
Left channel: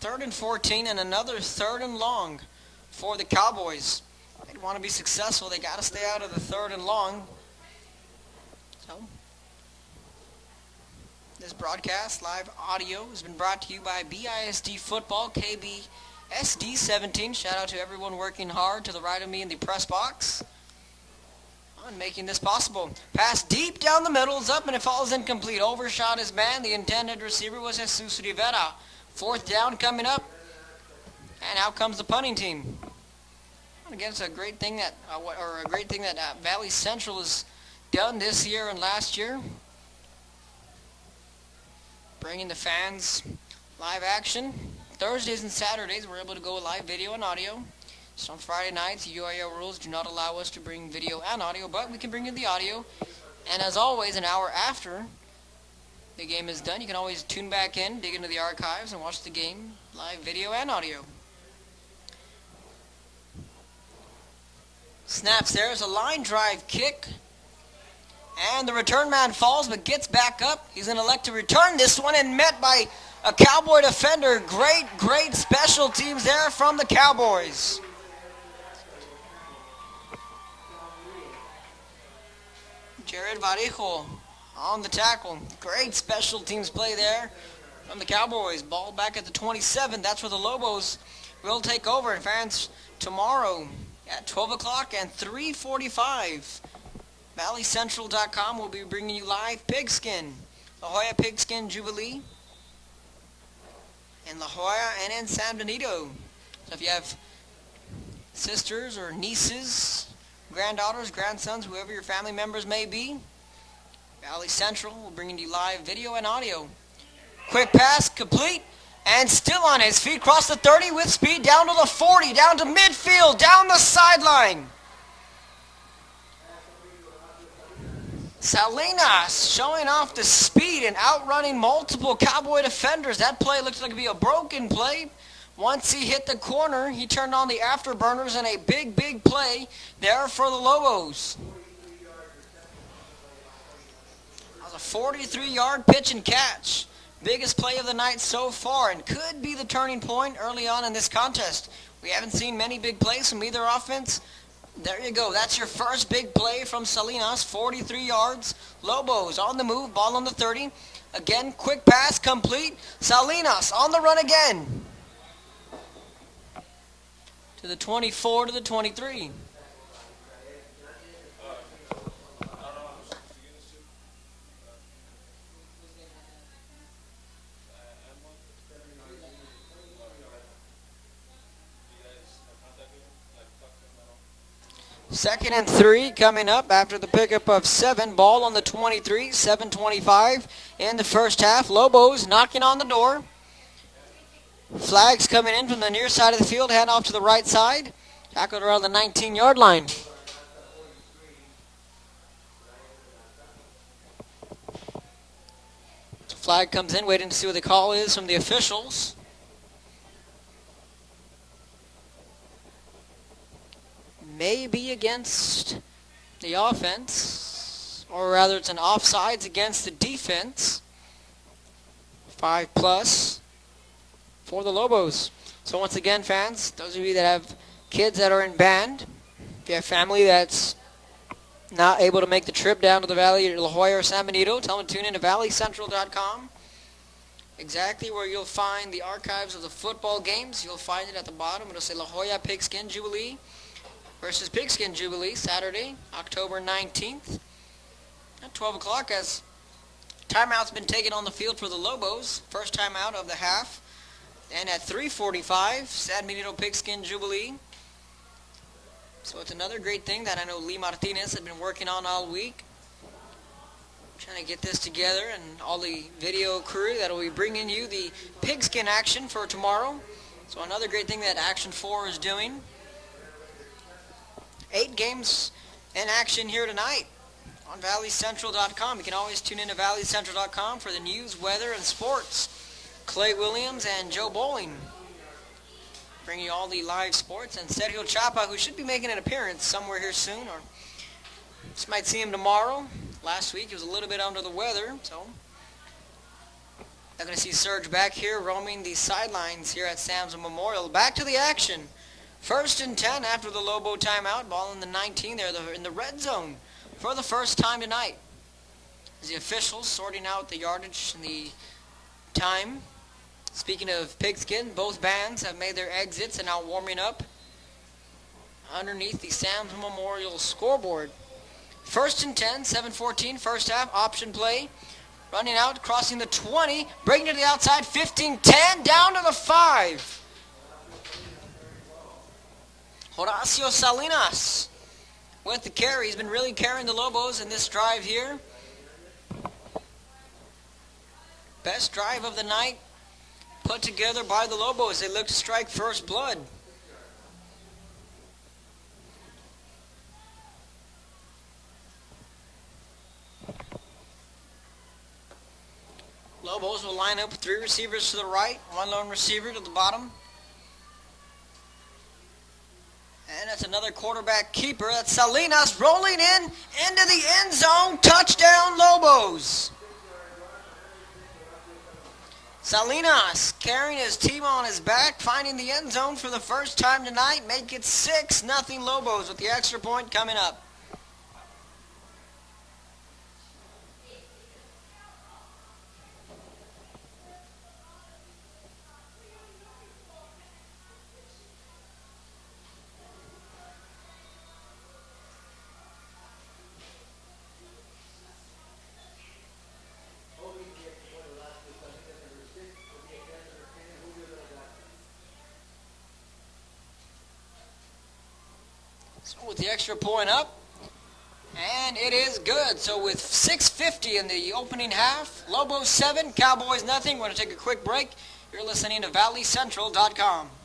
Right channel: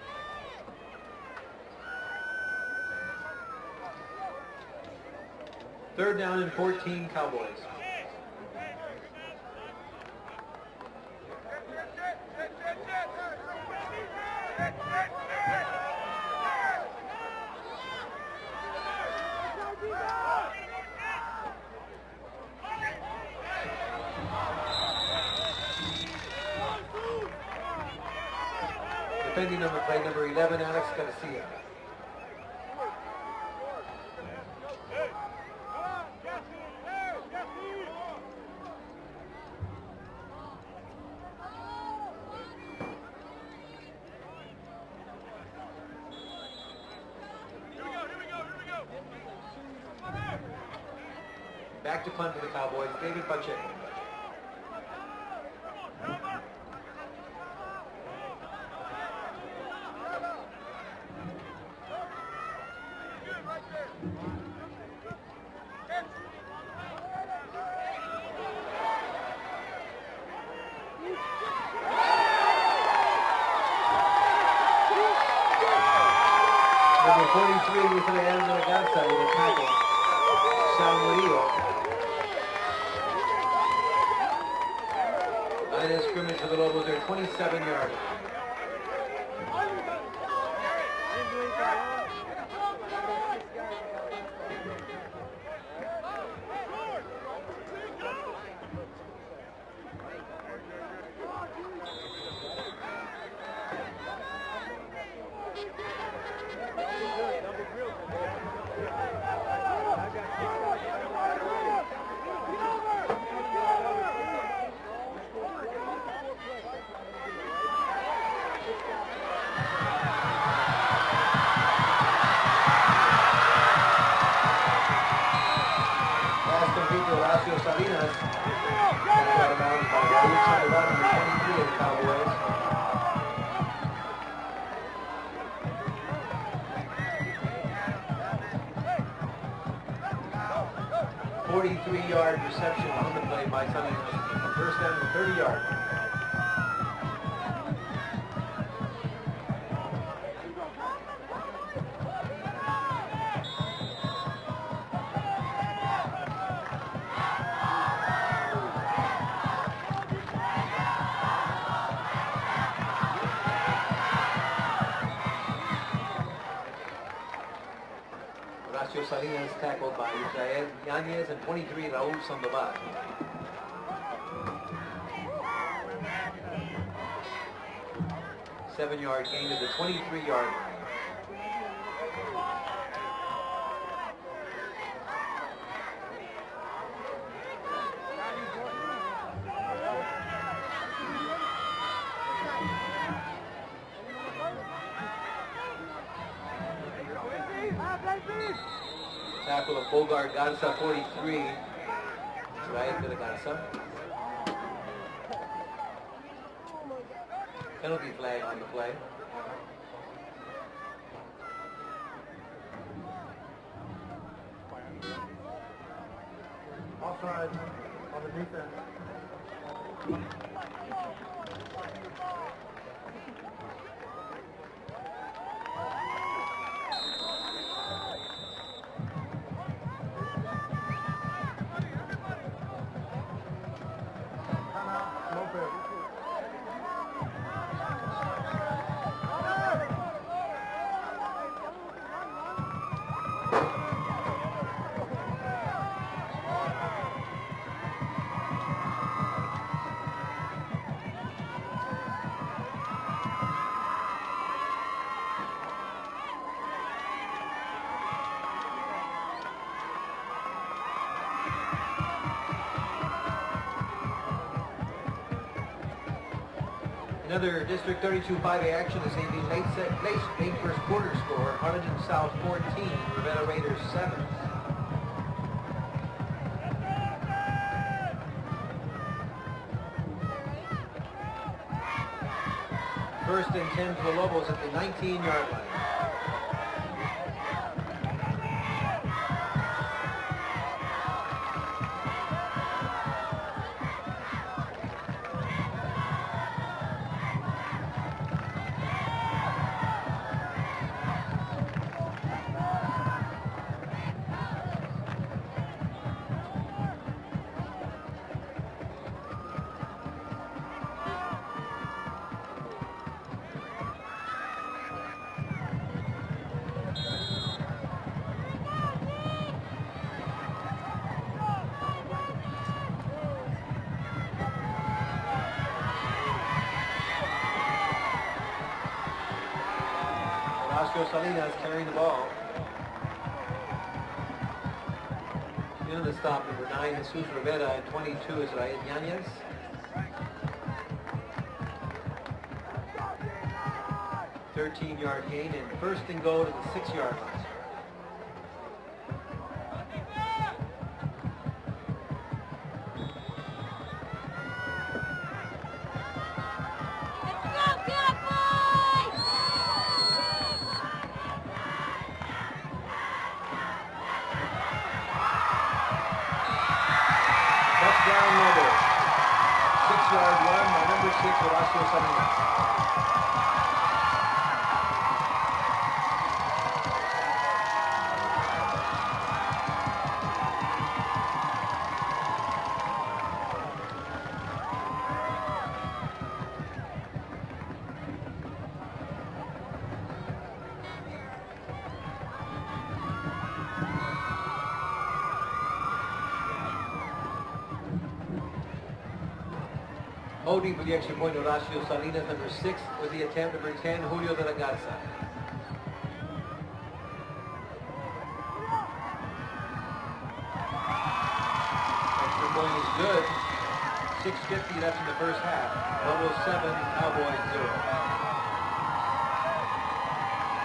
3rd and 14 and another 3rd and long for the Cowboys. If they want to be successful, they got to stay out of the 3rd and long. Cowboys. This broadcast, live audio, has been brought to you by BISD Football, KBSD 17. Shout out to everyone working hard to the right of me in the press box on making this possible. Pass deep down the middle is up and it falls incomplete. Overshot his man. The intended receiver was Jesus Rivera. 4th down coming up, and out comes the punting team. Again, it's a great thing that, Valley Central has done this year and last year, bringing the fans live action. Thursdays and Saturdays, we're able to go live video and audio. So on Friday nights, UIL rules do not allow us to bring video and audio, but we can bring in the audio. And as always, an hour after the game is done, you can always tune back in, dig into the archives, and watch the game live video and audio. Snaps there is a line drive kick. And the return man falls but gets back up. He's going to elect to return this one and met by a Cowboy defender. Great special teams there from the Cowboys. Jared Varejo on the tackle. Great special teams play there from the Cowboys. Ball back at the 27. That's where the Lobos will take over. Fans, tomorrow at 12 o'clock and 3:45. ValleyCentral.com will be bringing you live Pigskin. La Jolla Pigskin Jubilee in La Jolla and in San Benito. So if you have sisters or nieces, granddaughters, grandsons, whoever your family members may be, Valley Central will bring you live video and audio. Quick pass, complete, and still on his feet, cross the 30 with speed, down to the 40, down to midfield, down the sideline. Salinas showing off the speed and outrunning multiple Cowboy defenders. That play looks like to be a broken play. Once he hit the corner, he turned on the afterburners and a big play there for the Lobos. 43-yard reception on the play by Salinas. 43-yard pitch and catch. Biggest play of the night so far and could be the turning point early on in this contest. We haven't seen many big plays from either offense. There you go. That's your first big play from Salinas. 43 yards. Lobos on the move. Ball on the 30. Again, quick pass complete. Salinas on the run again. To the 24, to the 23. Salinas tackled by Israel Yanez and 23 Raul Sandoval. Seven-yard gain to the 23-yard line. 2nd and 3 coming up after the pickup of 7. Ball on the 23, 7:25 in the first half. Lobos knocking on the door. Flags coming in from the near side of the field, hand off to the right side. Back around the 19-yard line. Bogart Garza, 43. Right to the Garza. Flag comes in, waiting to see what the call is from the officials. Maybe against the offense, or rather it's an offsides against the defense. 5+ for the Lobos. So once again, fans, those of you that have kids that are in band, if you have family that's not able to make the trip down to the Valley or La Jolla or San Benito, tell them to tune in to ValleyCentral.com. Exactly where you'll find the archives of the football games. You'll find it at the bottom. It'll say La Jolla Pigskin Jubilee versus Pigskin Jubilee, Saturday, October 19th at 12 o'clock as timeout's been taken on the field for the Lobos. First timeout of the half. And at 3:45, San Benito Pigskin Jubilee. So it's another great thing that I know Lee Martinez had been working on all week. Trying to get this together, and all the video crew that will be bringing you the pigskin action for tomorrow. So another great thing that Action 4 is doing. 8 games in action here tonight on ValleyCentral.com. You can always tune in to ValleyCentral.com for the news, weather, and sports. Clay Williams and Joe Bowling bringing you all the live sports. And Sergio Chapa, who should be making an appearance somewhere here soon. Just might see him tomorrow. Last week he was a little bit under the weather, so I'm going to see Serge back here roaming the sidelines here at Sam's Memorial. Back to the action. 1st and 10 after the Lobo timeout. Ball in the 19 there. They're in the red zone for the first time tonight. The officials sorting out the yardage, the time. Speaking of pigskin, both bands have made their exits and now warming up underneath the Sam's Memorial scoreboard. 1st and 10, 7:14, first half, option play. Running out, crossing the 20, breaking to the outside, 15-10, down to the 5. Horacio Salinas carrying the ball. Horacio Salinas with the carry. He's been really carrying the Lobos in this drive here. Best drive of the night put together by the Lobos. They look to strike first blood. Lobos will line up with 3 receivers to the right, 1 lone receiver to the bottom. And it's another quarterback keeper. That's Salinas rolling in into the end zone. Touchdown, Lobos. 6-yard run by number 6, Horacio Salinas. Salinas carrying his team on his back, finding the end zone for the first time tonight. Make it 6-0 Lobos with the extra point coming up. Holding for the extra point, Horacio Salinas, number 6, with the attempt, number 10, Julio de la Garza. So with the extra point up, and it is good. So with 6:50 in the opening half, Lobos 7, Cowboys nothing. We're going to take a quick break. You're listening to ValleyCentral.com.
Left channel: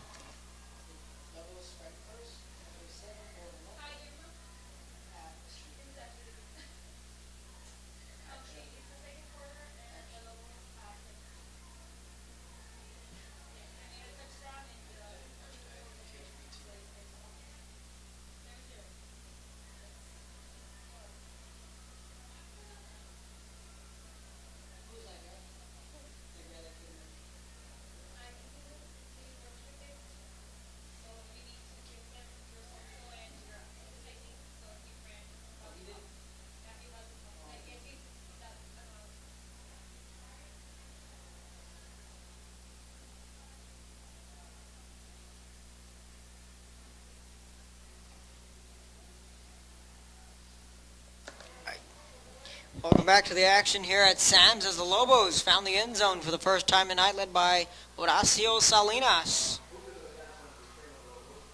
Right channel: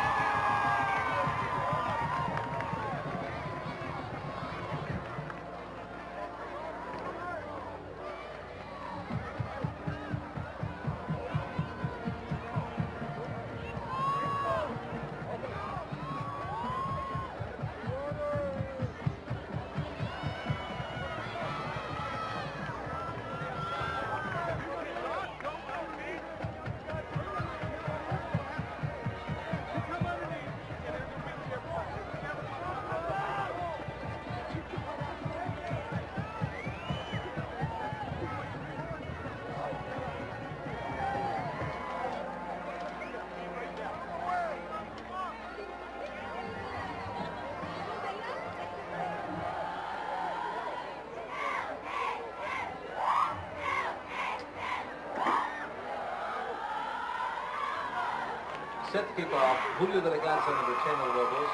Welcome back to the action here at Sam's as the Lobos found the end zone for the first time tonight, led by Horacio Salinas. Julio de la Garza, number 10 of the Lobos.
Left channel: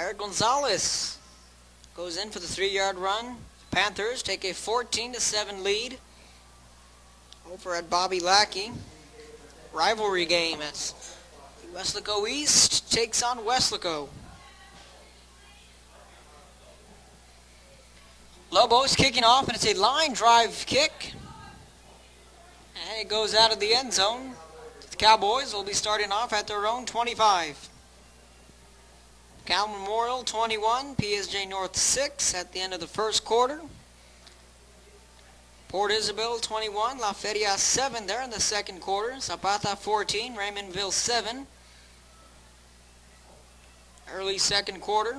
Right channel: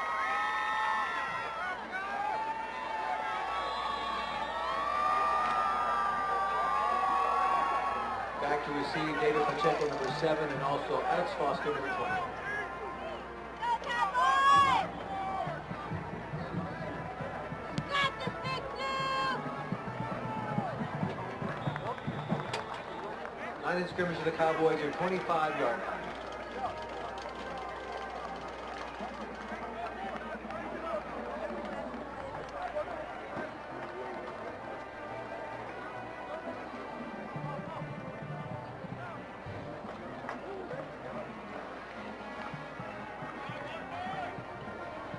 Eric Gonzalez goes in for the 3-yard run. Panthers take a 14-7 lead over at Bobby Lackey. Rivalry game as Weslaco East takes on Weslaco. Lobos kicking off, and it's a line drive kick. And it goes out of the end zone. The Cowboys will be starting off at their own 25. Cal Memorial 21, PSJ North 6 at the end of the first quarter. Port Isabel 21, La Feria 7 there in the second quarter. Zapata 14, Raymondville 7. Early second quarter.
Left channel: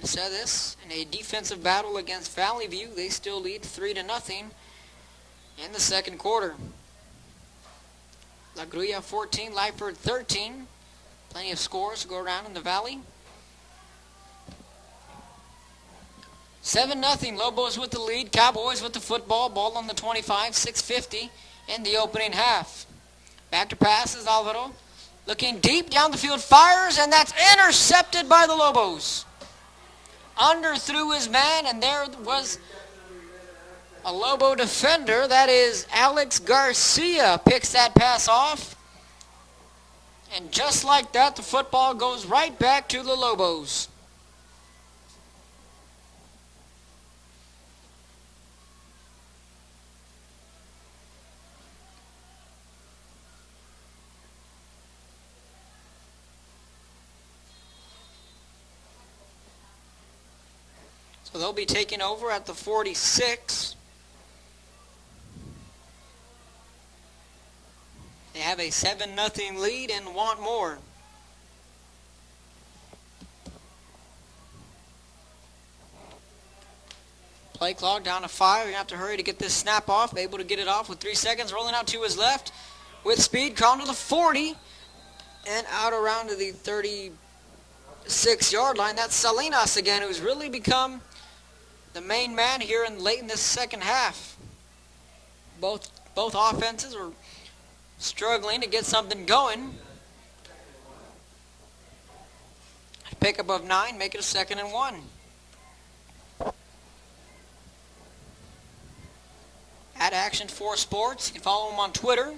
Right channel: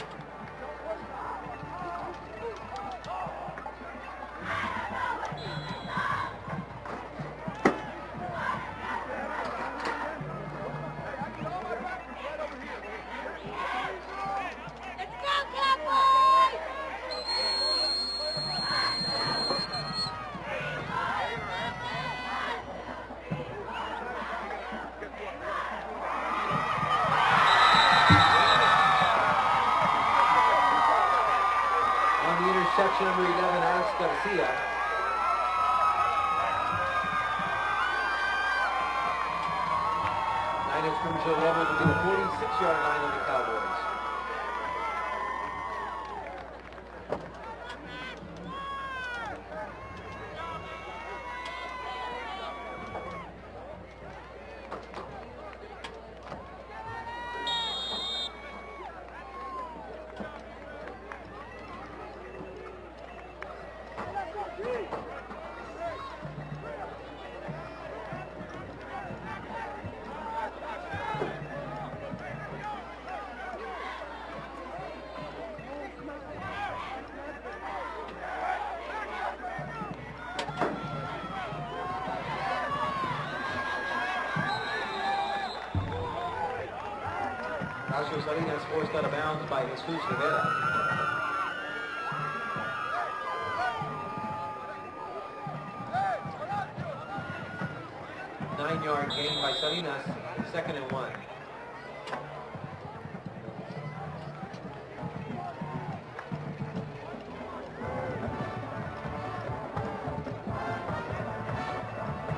I said this, in a defensive battle against Valley View, they still lead 3-0 in the second quarter. La Grulla 14, Lyford 13. Plenty of scores to go around in the Valley. 7-0, Lobos with the lead, Cowboys with the football, ball on the 25, 6:50 in the opening half. Back to pass is Alvaro, looking deep down the field, fires, and that's intercepted by the Lobos. Underthrew his man, and there was a Lobo defender. That is Alex Garcia picks that pass off. And just like that, the football goes right back to the Lobos. They'll be taking over at the 46. They have a 7-0 lead and want more. Play clock down to 5. You have to hurry to get this snap off. Able to get it off with 3 seconds. Rolling out to his left with speed. Come to the 40 and out around to the 36-yard line. That's Salinas again, who's really become the main man here late in this second half. Both offenses are struggling to get something going. Second and 1. Pickup of 9, make it a 2nd and 1. At Action 4 Sports, you can follow him on Twitter.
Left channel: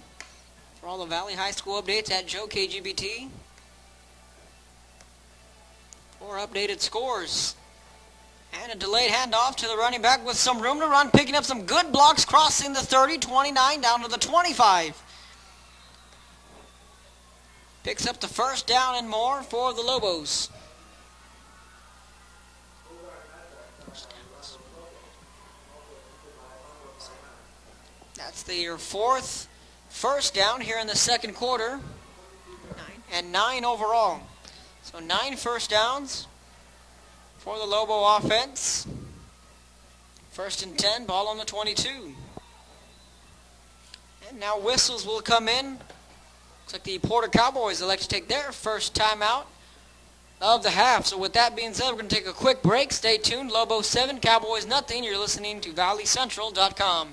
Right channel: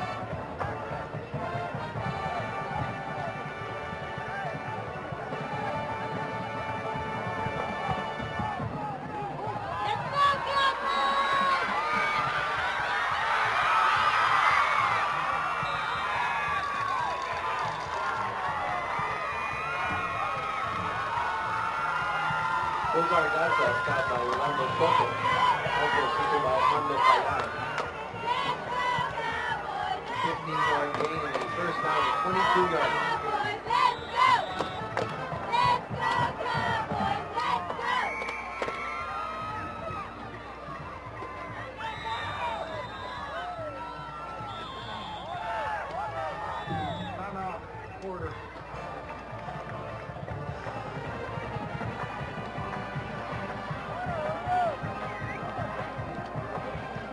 For all the Valley High School updates at Joe KGBT. For updated scores. And a delayed handoff to the running back with some room to run, picking up some good blocks, crossing the 30, 29, down to the 25. Picks up the first down and more for the Lobos. That's their 4th first down here in the second quarter, and 9 overall. So 9 first downs for the Lobo offense. 1st and 10, ball on the 22. And now whistles will come in. It's like the Porter Cowboys elect to take their first timeout of the half. So with that being said, we're going to take a quick break. Stay tuned. Lobos 7, Cowboys nothing. You're listening to ValleyCentral.com.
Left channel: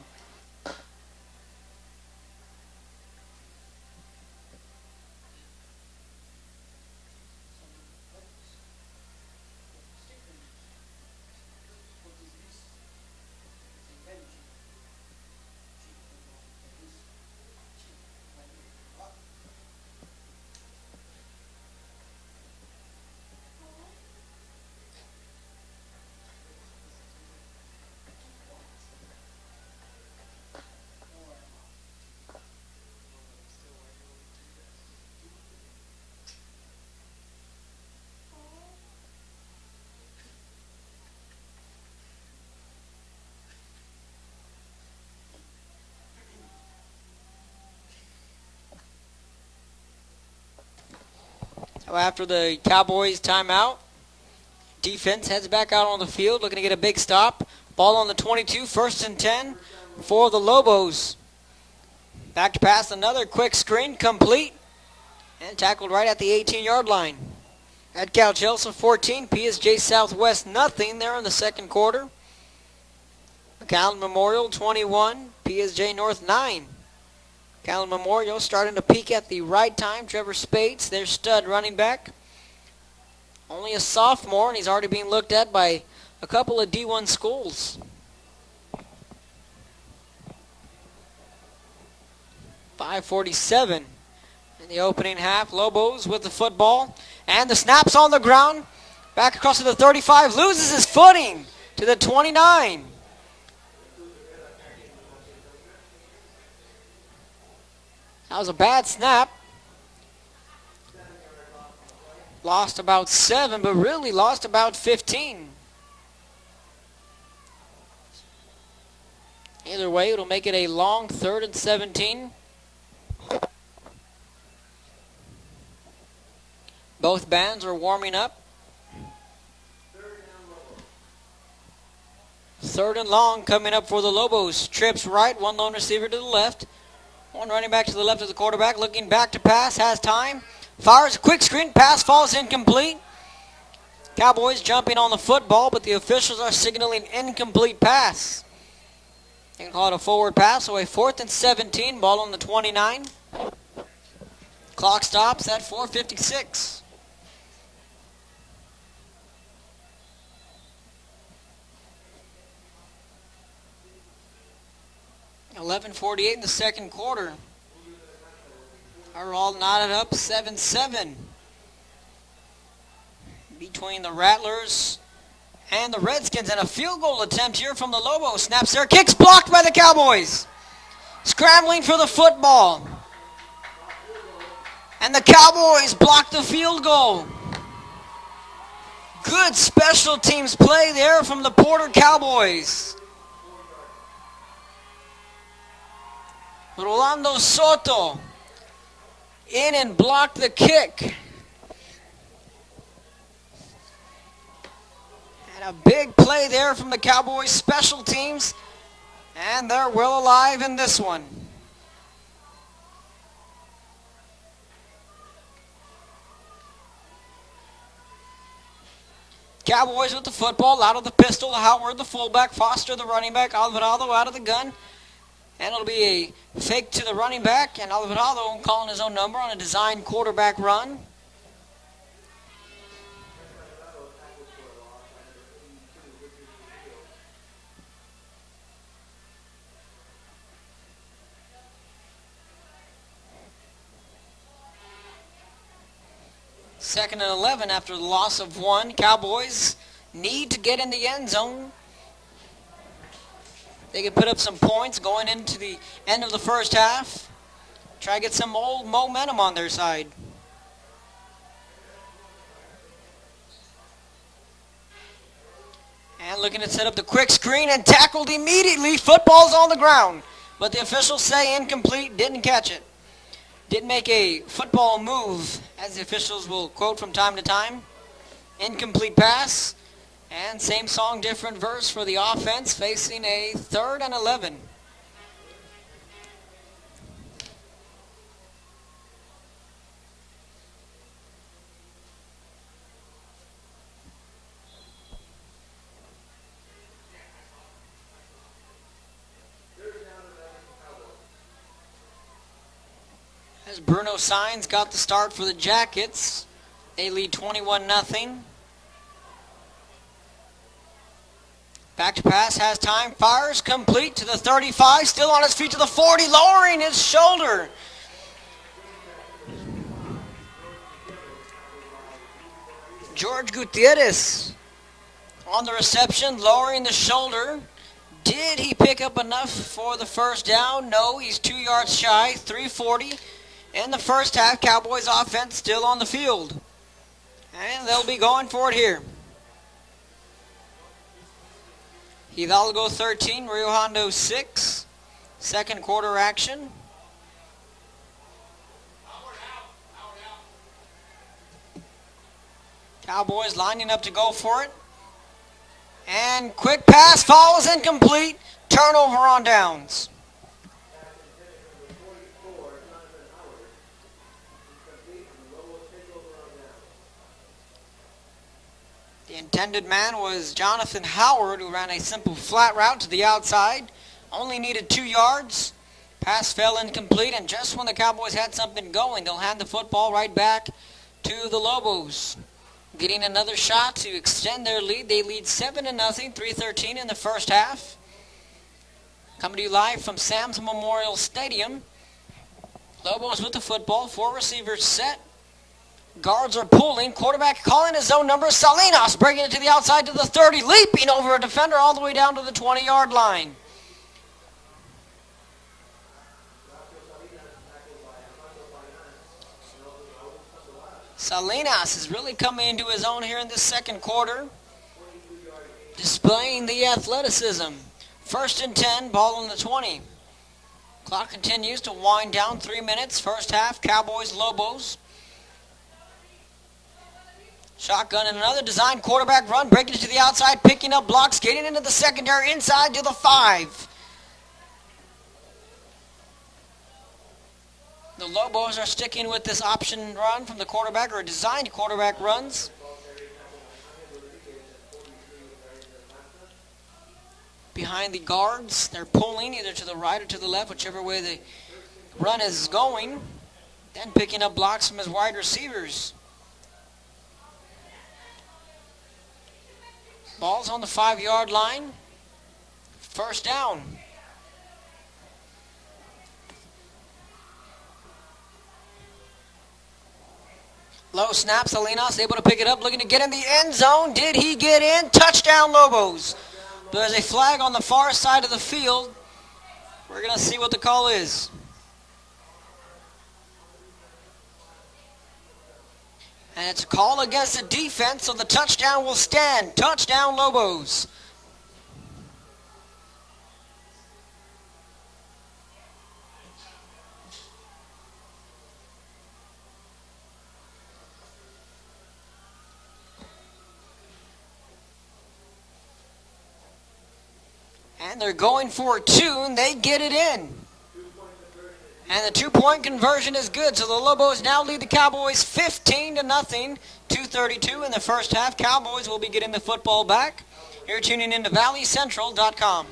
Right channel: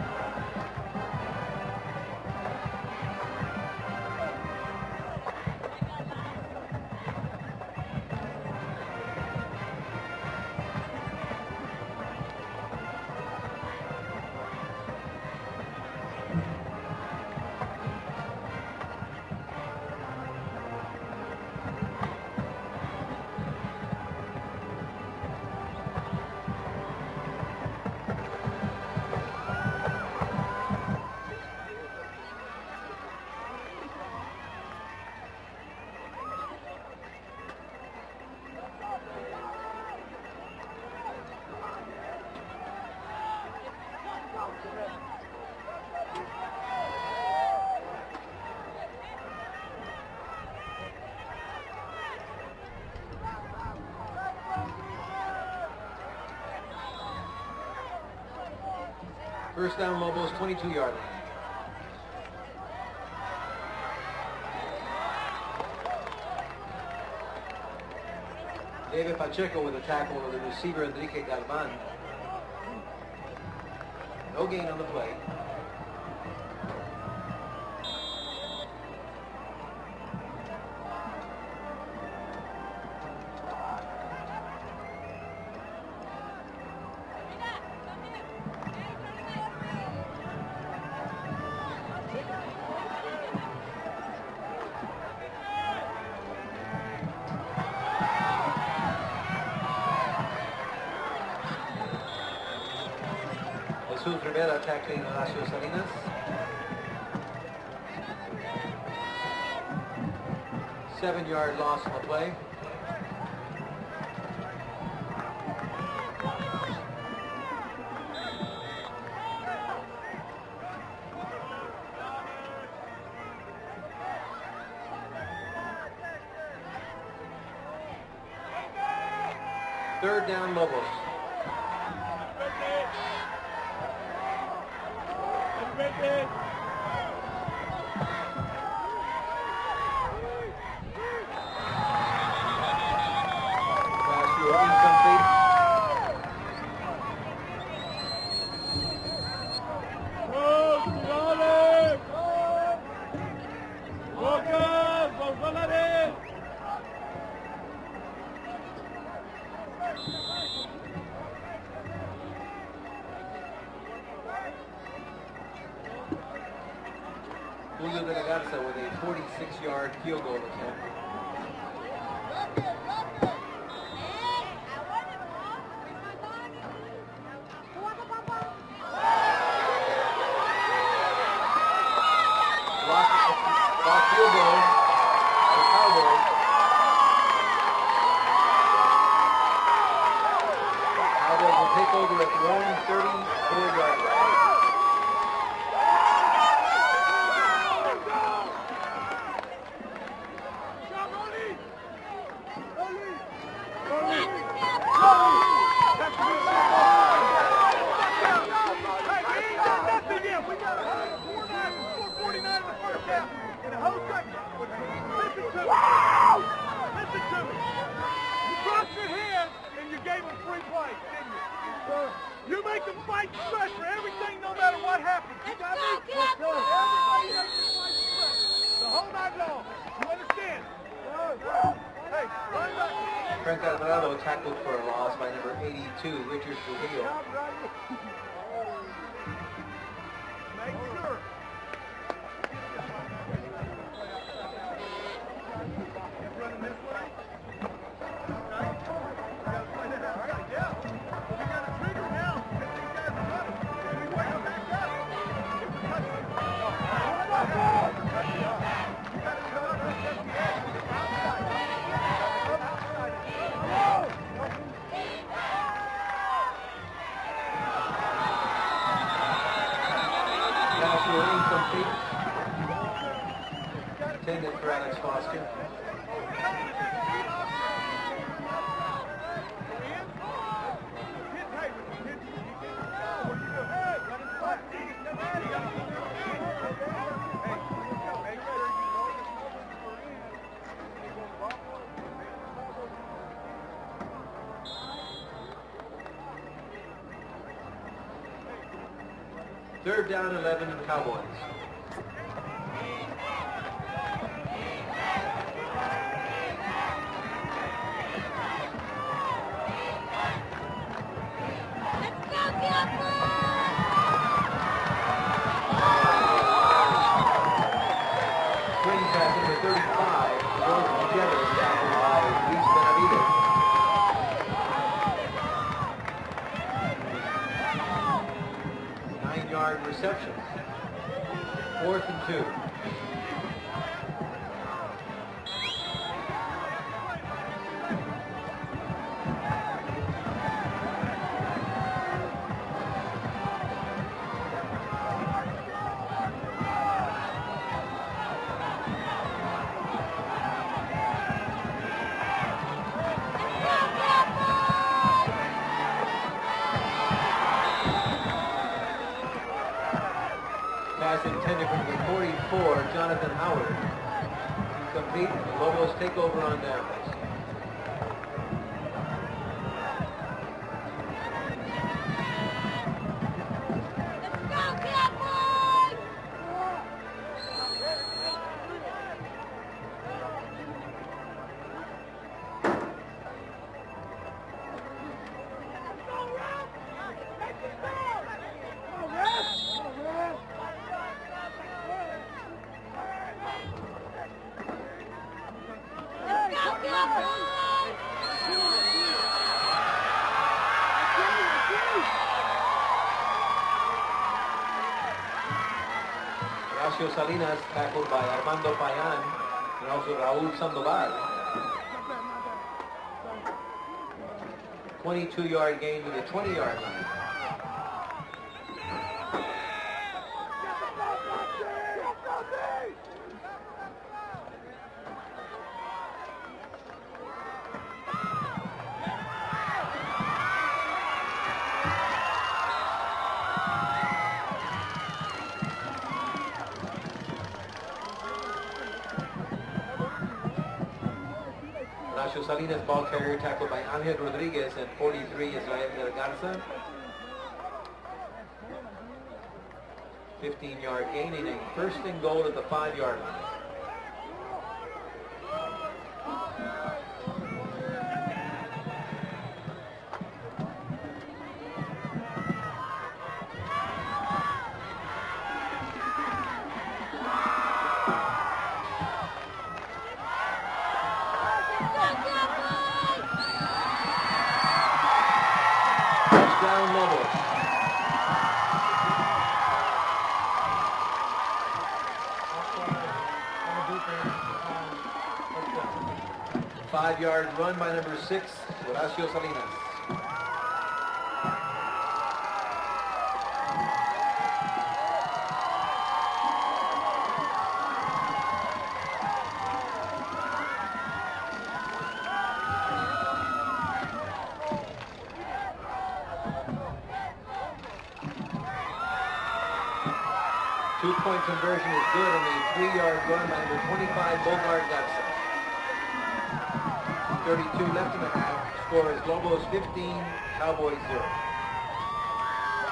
After the Cowboys timeout, defense heads back out on the field, looking to get a big stop. Ball on the 22, 1st and 10 for the Lobos. Back to pass, another quick screen, complete, and tackled right at the 18-yard line. At Cal Chelsea 14, PSJ Southwest nothing there in the second quarter. Callan Memorial 21, PSJ North 9. Callan Memorial starting to peak at the right time. Trevor Spates, their stud running back. Only a sophomore, and he's already being looked at by a couple of D1 schools. .547 in the opening half. Lobos with the football, and the snap's on the ground. Back across to the 35, loses his footing to the 29. That was a bad snap. 7-yard loss on the play. Lost about 7, but really lost about 15. Either way, it'll make it a long 3rd and 17. Both bands are warming up. 3rd down, Lobos. 3rd and long coming up for the Lobos. Trips right, one lone receiver to the left. One running back to the left of the quarterback, looking back to pass, has time. Fires a quick screen, pass falls incomplete. Cowboys jumping on the football, but the officials are signaling incomplete pass. They call it a forward pass, so a 4th and 17, ball on the 29. Clock stops at 4:56. 11:48 in the second quarter. We're all knotted up, 7-7. Between the Rattlers and the Redskins, and a field goal attempt here from the Lobos. Snaps there, kicks blocked by the Cowboys. Scrambling for the football. And the Cowboys block the field goal. Good special teams play there from the Porter Cowboys. Rolando Soto in and blocked the kick. Big play there from the Cowboys special teams, and they're well alive in this one. Cowboys with the football, out of the pistol, Howard the fullback, Foster the running back, Alvarado out of the gun. And it'll be a fake to the running back, and Alvarado calling his own number on a designed quarterback run. Frank Alvarado tackled for a loss by number 82, Richard Trujillo. Second and 11 after the loss of one. Cowboys need to get in the end zone. They can put up some points going into the end of the first half. Try to get some momentum on their side. And looking to set up the quick screen and tackled immediately. Football's on the ground. But the officials say incomplete, didn't catch it. Didn't make a football move, as the officials will quote from time to time. Incomplete pass. And same song, different verse for the offense, facing a 3rd and 11. Third down, 11, Cowboys. As Bruno Sainz got the start for the Jackets. They lead 21-0. Back to pass, has time, fires, complete to the 35, still on his feet to the 40, lowering his shoulder. George Gutierrez on the reception, lowering the shoulder. Did he pick up enough for the first down? No, he's 2 yards shy, 340. In the first half, Cowboys offense still on the field. And they'll be going for it here. Hidalgo 13, Rio Hondo 6. Second quarter action. Cowboys lining up to go for it. And quick pass falls incomplete. Turnover on downs. Pass intended for the 44, Jonathan Howard. Complete, Lobos take over on downs. Intended man was Jonathan Howard, who ran a simple flat route to the outside. Only needed 2 yards. Pass fell incomplete, and just when the Cowboys had something going, they'll hand the football right back to the Lobos. Getting another shot to extend their lead. They lead 7-0, 3:13 in the first half. Coming to you live from Sam's Memorial Stadium. Lobos with the football, 4 receivers set. Guards are pulling, quarterback calling his own number. Salinas breaking it to the outside to the 30, leaping over a defender all the way down to the 20-yard line. Horacio Salinas tackled by Armando Payan and also Raul Sandoval. Salinas is really coming into his own here in the second quarter. 22-yard gain. Displaying the athleticism. 1st and 10, ball on the 20. Clock continues to wind down, 3 minutes. First half, Cowboys, Lobos. Shotgun and another design quarterback run, breaking it to the outside, picking up blocks, getting into the secondary, inside to the 5. The Lobos are sticking with this option run from the quarterback, or designed quarterback runs. Salinas ball carrier tackled by Angel Rodriguez and 43 Israel de Garza. Behind the guards, they're pulling either to the right or to the left, whichever way the run is going. And picking up blocks from his wide receivers. Ball's on the 5-yard line. First down. Low snap, Salinas able to pick it up, looking to get in the end zone. Did he get in? Touchdown, Lobos. There's a flag on the far side of the field. We're going to see what the call is. And it's a call against the defense, so the touchdown will stand. Touchdown, Lobos. And they're going for 2, and they get it in. Two-point conversion is And the good. 2-point conversion is good, so the Lobos now lead the Cowboys 15-0. 2:32 in the first half. Cowboys will be getting the football back. You're tuning into ValleyCentral.com.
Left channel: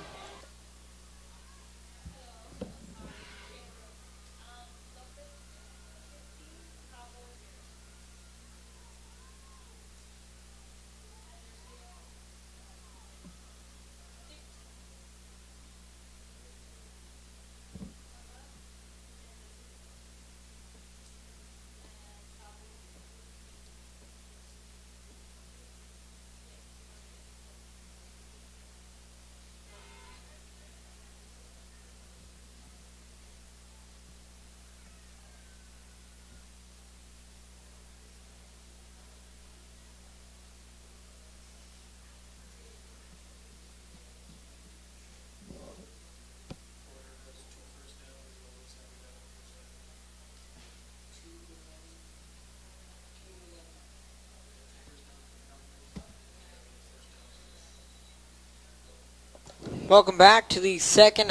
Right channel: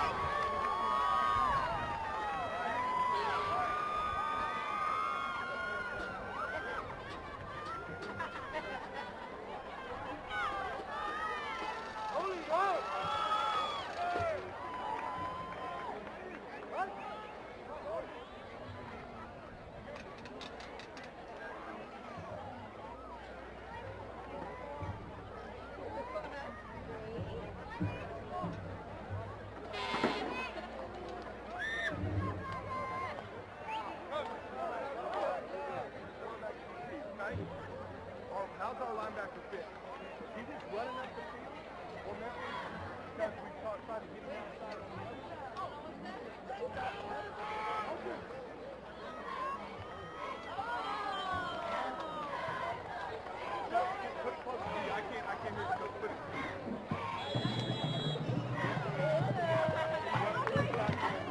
Welcome back to the second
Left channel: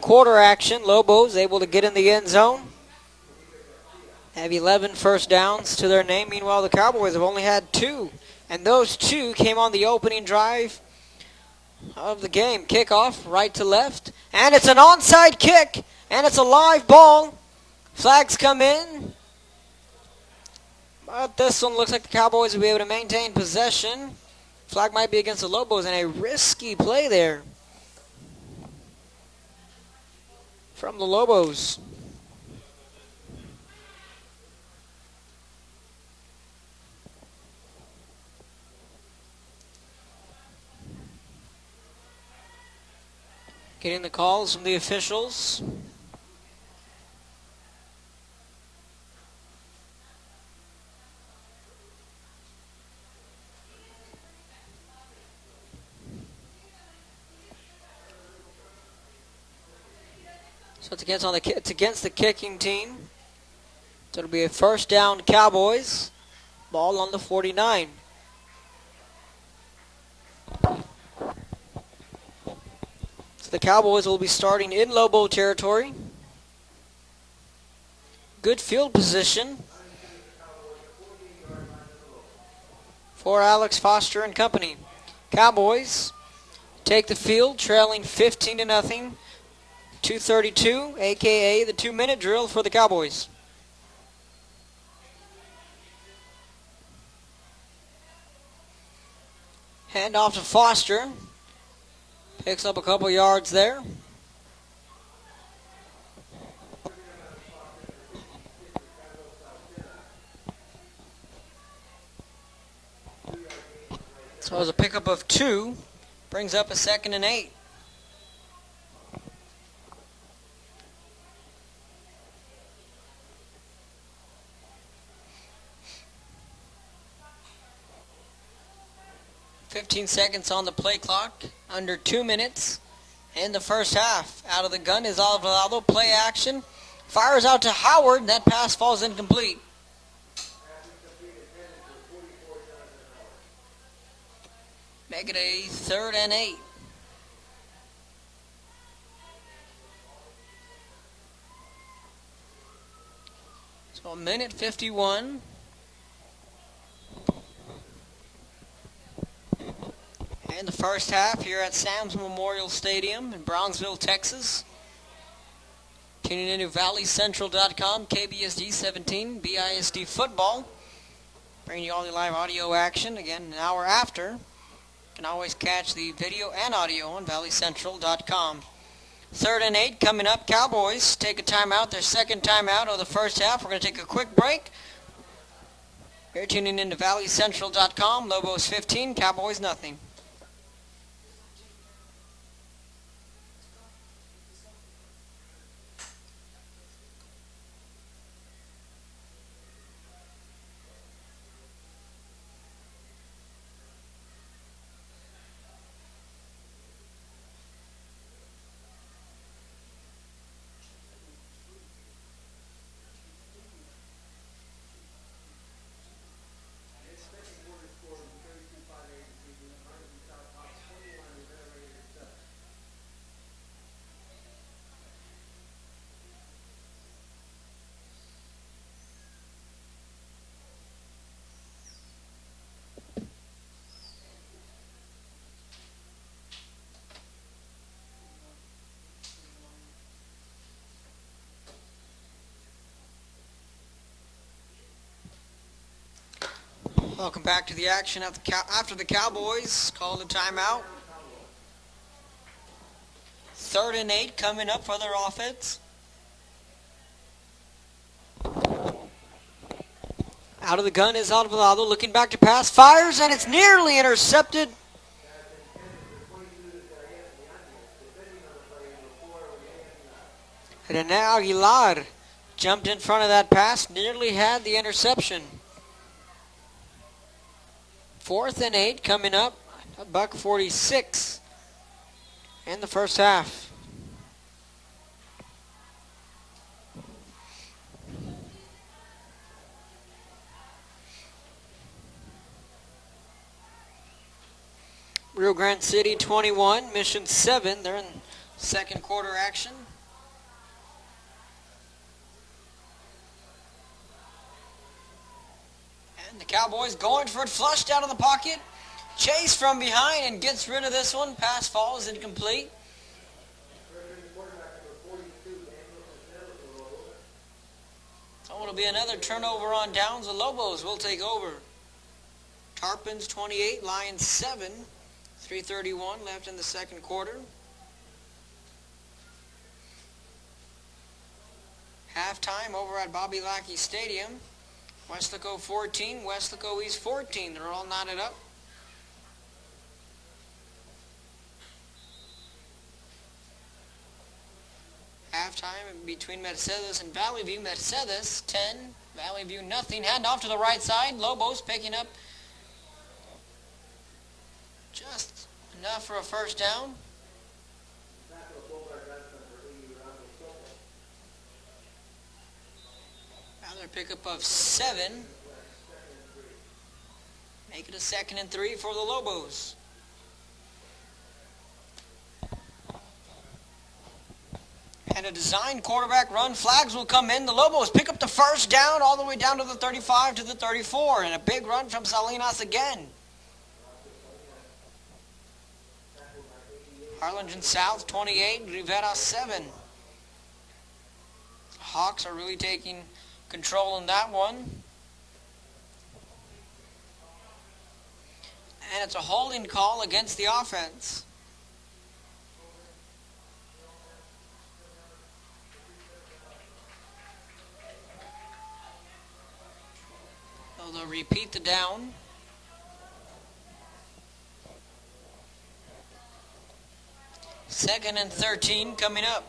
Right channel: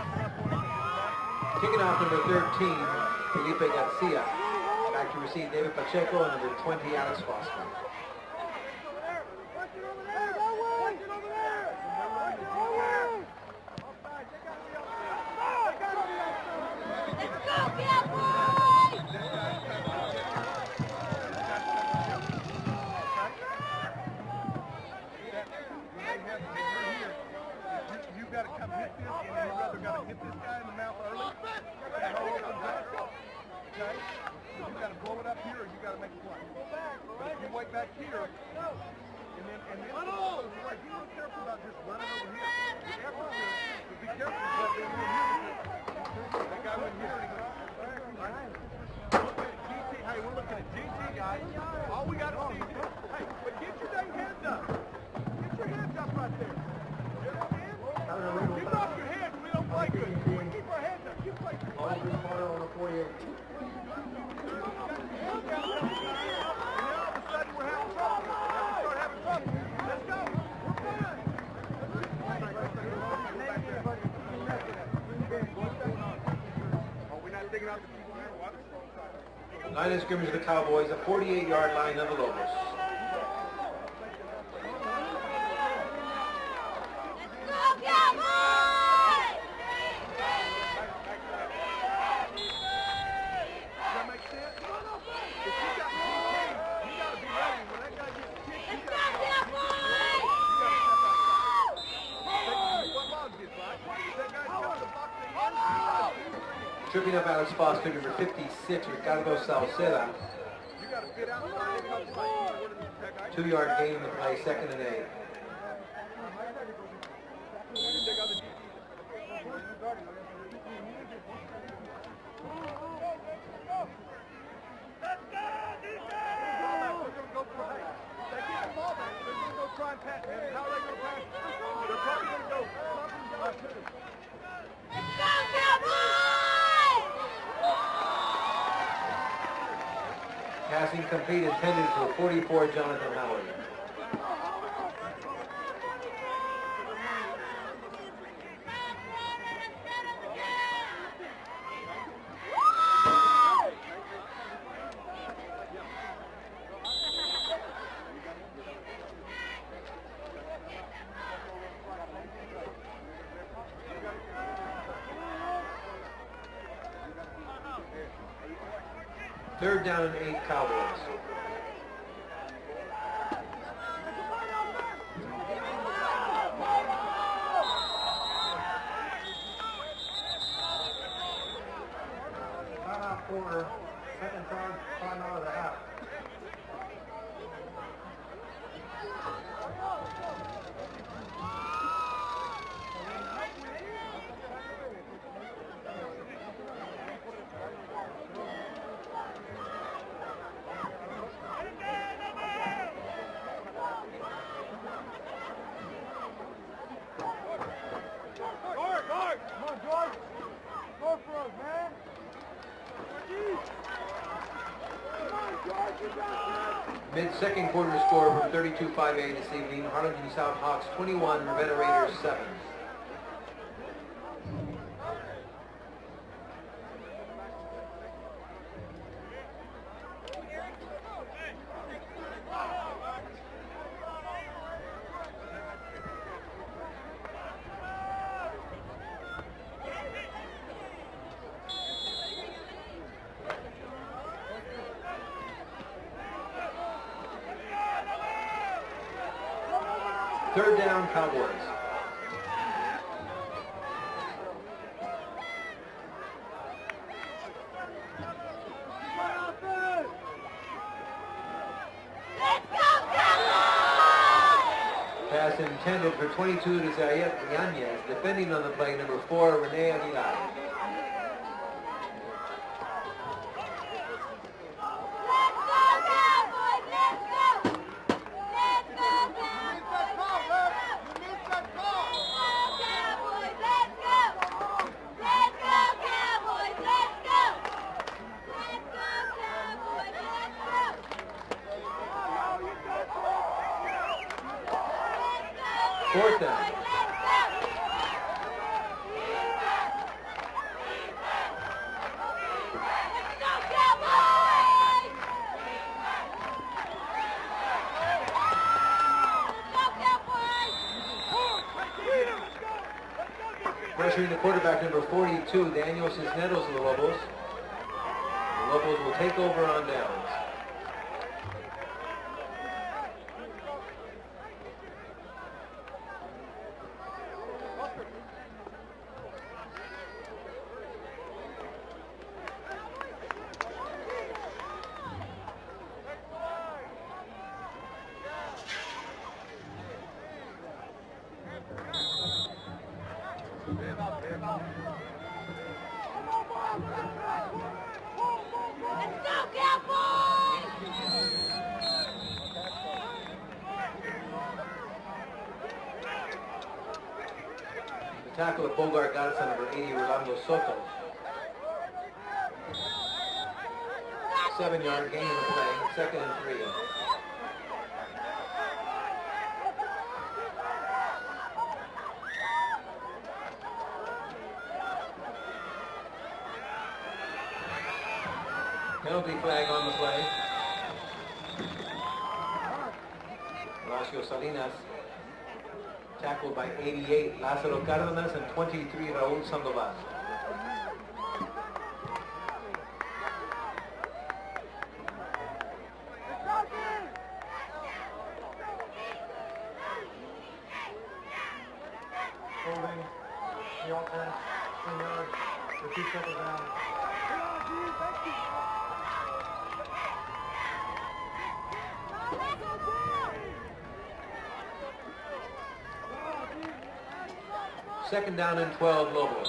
quarter action. Lobos able to get in the end zone. They have 11 first downs to their name. Meanwhile, the Cowboys have only had 2. And those 2 came on the opening drive of the game. Kickoff right to left. And it's an onside kick. And it's a live ball. Flags come in. But this one looks like the Cowboys will be able to maintain possession. Flag might be against the Lobos, and a risky play there from the Lobos. Getting the calls from the officials. It's against the kicking team. So it'll be a first down Cowboys. Ball on the 49. So the Cowboys will be starting in Lobo territory. Good field position. Line of scrimmage of the Cowboys, a 48-yard line of the Lobos. For Alex Foster and company. Cowboys take the field, trailing 15-0. 2:32, a.k.a. the 2-minute drill for the Cowboys. Hand off to Foster. Picks up a couple yards there. Tripping up Alex Foster, number 56, Ricardo Salceda. 2-yard gain to play. So it was a pickup of 2. Brings up a 2nd and 8. Seconds on the play clock, under 2 minutes in the first half. Out of the gun is Alvarado, play action, fires out to Howard, that pass falls incomplete. Passing complete, intended for 44, Jonathan Howard. Make it a 3rd and 8. So a minute 51. In the first half here at Sam's Memorial Stadium in Brownsville, Texas. Tuning into ValleyCentral.com, KBSD 17, BISD football. Bringing you all the live audio action again an hour after. You can always catch the video and audio on ValleyCentral.com. 3rd and 8 coming up. Cowboys take a timeout, their second timeout of the first half. We're going to take a quick break. You're tuning into ValleyCentral.com. Lobos 15, Cowboys nothing. second quarter score from 32-5A this evening. Harlingen South Hawks 21, Ravenna Raiders 7. Welcome back to the action after the Cowboys call the Third timeout. down, Cowboys. 3rd and 8 coming up for their offense. Out of the gun is Alvarado looking back to pass, fires, and it's nearly intercepted. Pass intended for 22 to Zayet Yanez. Defending on the play, number 4, Rene Aguilar. Rene Aguilar jumped in front of that pass, nearly had the interception. 4th and 8 coming up. $1:46 in the first half. Rio Grande City 21, Mission 7. They're in second quarter action. Cowboys going for it, flushed out of the pocket. Chase from behind and gets rid of this one. Pass falls incomplete. Pressuring the quarterback, number 42, Daniel Cisneros of the Lobos. It'll be another turnover on downs. The Lobos will take over. Tarpons 28, Lions 7. 3:31 left in the second quarter. Halftime over at Bobby Lackey Stadium. Westlaco 14, Westlaco East 14. They're all knotted up. Halftime between Mercedes and Valley View. Mercedes 10, Valley View nothing. Hand off to the right side. Lobos picking up just enough for a first down. The tackle of Bogart got it on number 80, Rolando Soto. Pickup of 7 yard 7. gain in the play, 2nd and 3. Make it a 2nd and 3 for the Lobos. And a design quarterback run. Flags will come in. The Lobos pick up the first down all the way down to the 35 to the 34. And a big run from Salinas again. Horacio Salinas tackled by 88. Harlingen South 28, Rivera 7. Hawks are really taking control in that one. And it's a holding call against the offense. Holding the offense, 10 yards, with 2 seconds out. They'll repeat the down. Second and 13 coming up.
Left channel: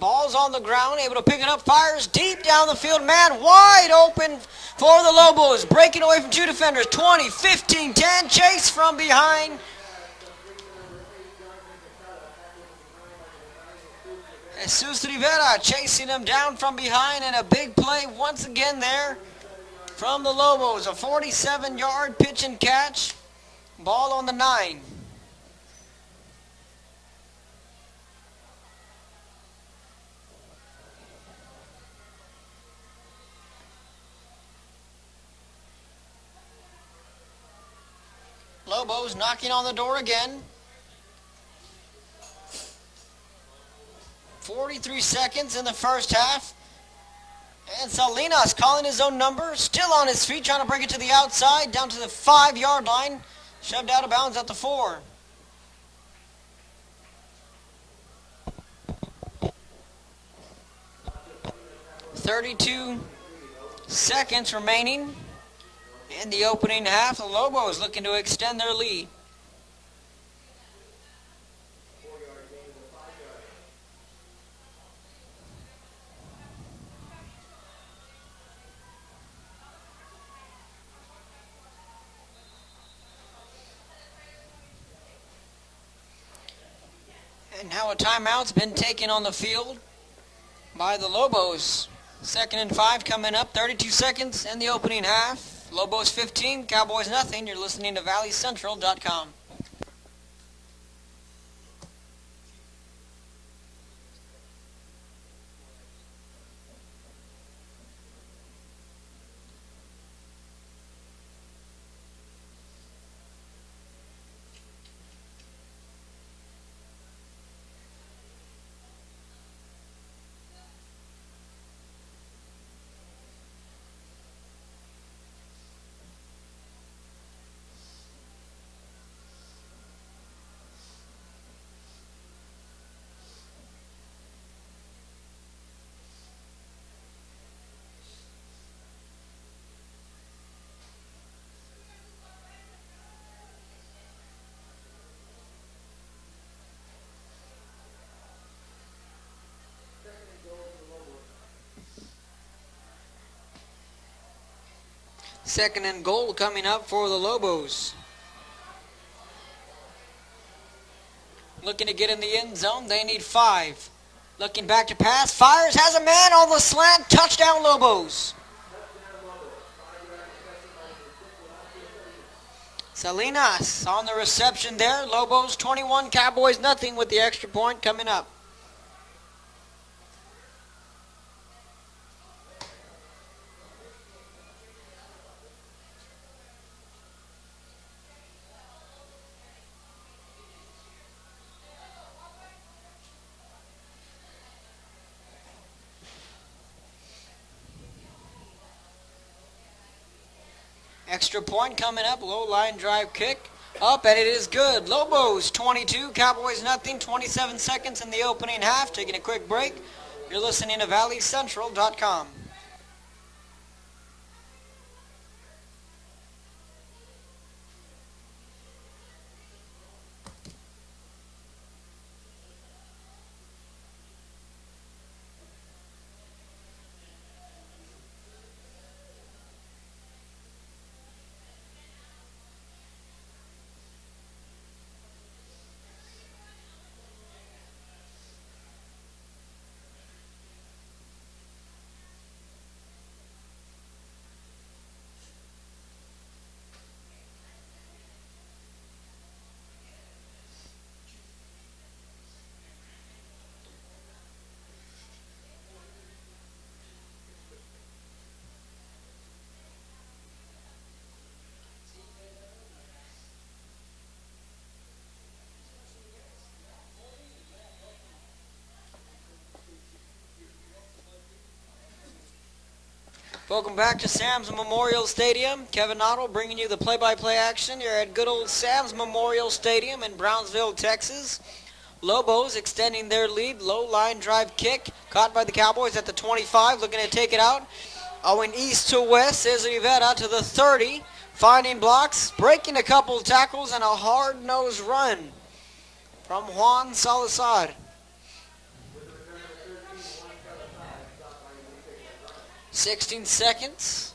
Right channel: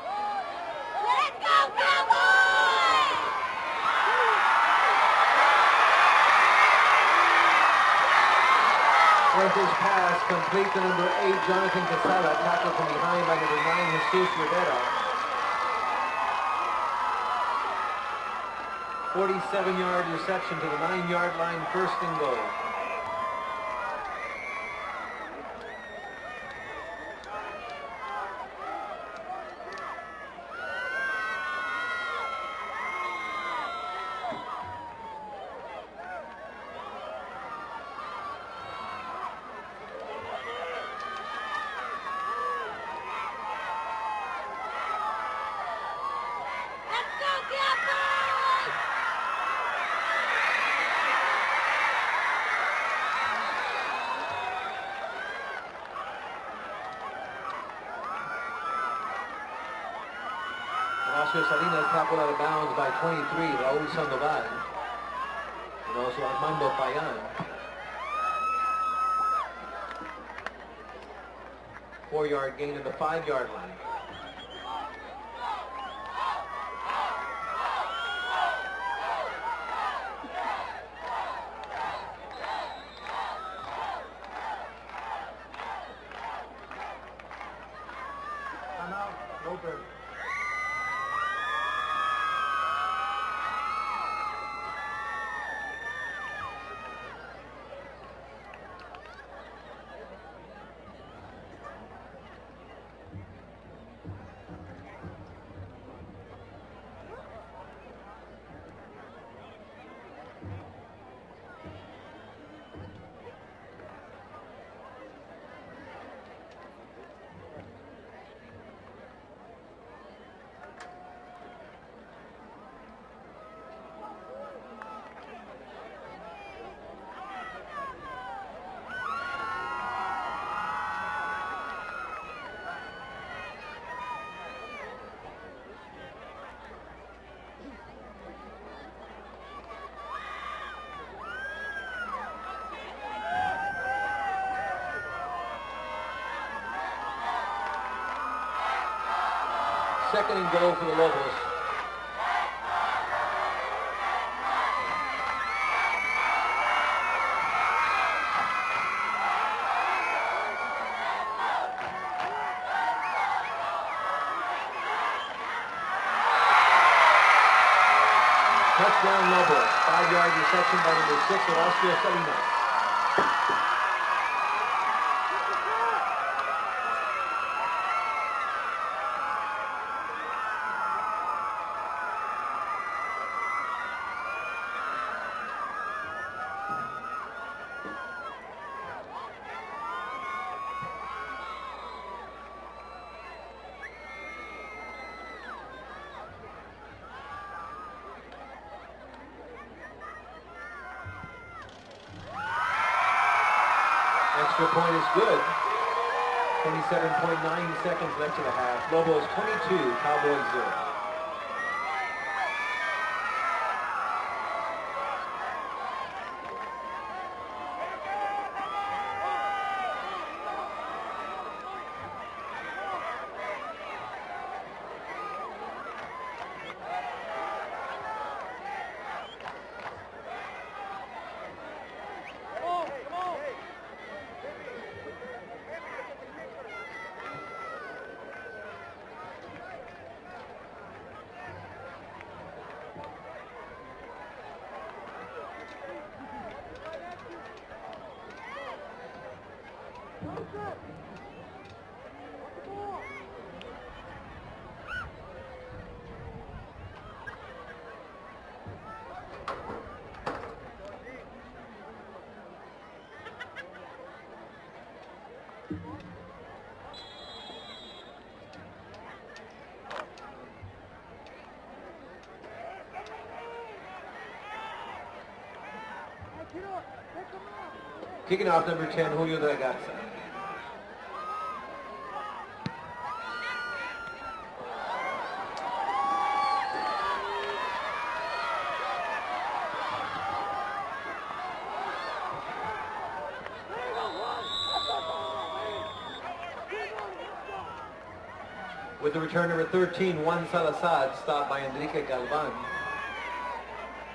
Ball's on the ground, able to pick it up, fires deep down the field. Man wide open for the Lobos. Breaking away from 2 defenders. 20, 15, 10. Chase from behind. Lopez pass complete to number 8, Jonathan Casada. Tackled from behind by number 9, Jesus Rivera. Jesus Rivera chasing him down from behind, and a big play once again there 47 yards from the Lobos. A 47-yard pitch and catch. Ball on the 9. Lobos knocking on the door again. 43 seconds in the first half. And Salinas calling his own number. Still on his feet, trying to bring it to the outside, down to the 5-yard line. Shoved out of bounds at the 4. Horacio Salinas tackled out of bounds 32 by 23. seconds remaining. In the opening half, the Lobos looking to extend their lead. 4-yard gain in the 5-yard line. And now a timeout's been taken on the field. by the Lobos. 2nd and 5 coming up, 32 seconds in the opening half. Lobos 15, Cowboys nothing. You're listening to ValleyCentral.com. Second and goal for the Lobos. 2nd and goal coming up for the Lobos. Looking to get in the end zone, they need 5. Looking back to pass, fires, has a man on the slant, touchdown Lobos. Touchdown Lobos. 5-yard reception by number 6, Horacio Salinas. Salinas on the reception there. Lobos 21, Cowboys nothing with the extra point coming up. Extra point coming up, low line drive kick, up and it is good. Lobos 22, Cowboys nothing, 27 seconds in the opening half. Taking a quick break. You're listening to ValleyCentral.com. Welcome back to Sam's Memorial Stadium. Kevin Otto bringing you the play-by-play action. You're at good old Sam's Memorial Stadium in Brownsville, Texas. Lobos extending their lead. Low line drive kick. Caught by the Cowboys at the 25. Looking to take it out. Going east to west. Is Rivera to the 30. Finding blocks. Breaking a couple tackles and a hard-nosed run from Juan Salazar. With the return number 13, Juan Salazar, stopped by Enrique Galvan. 16 seconds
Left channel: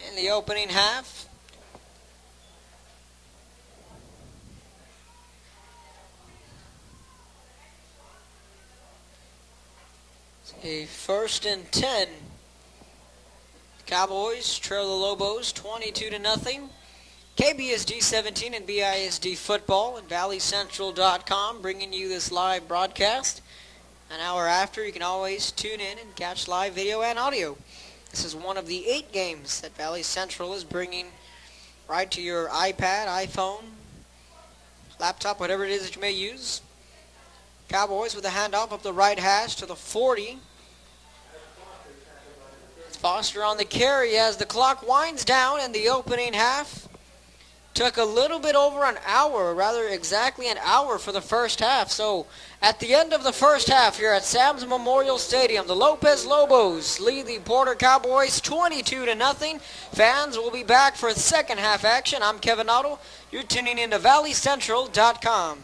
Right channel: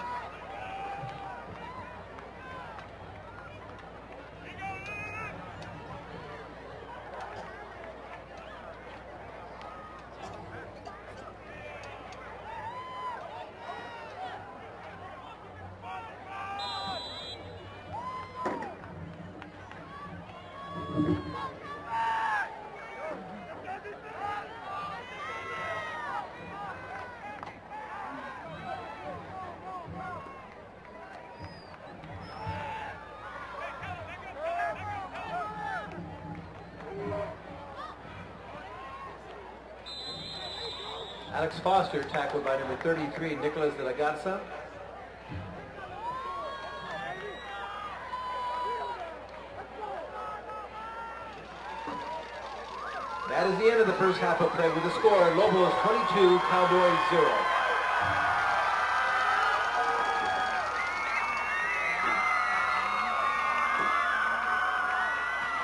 in the opening half. A 1st and 10. Cowboys trail the Lobos 22-0. KBSD 17 and BISD football and ValleyCentral.com bringing you this live broadcast. An hour after, you can always tune in and catch live video and audio. This is one of the 8 games that Valley Central is bringing right to your iPad, iPhone, laptop, whatever it is that you may use. Cowboys with a handoff up the right hash to the 40. Alex Foster tackled by number 33. Foster on the carry as the clock winds down in the opening half. Took a little bit over an hour, rather exactly an hour for the first half. So at the end of the first half here at Sam's Memorial Stadium, the Lopez Lobos lead the Porter Cowboys 22-0. Fans will be back for the second half action. I'm Kevin Otto. You're tuning in to ValleyCentral.com.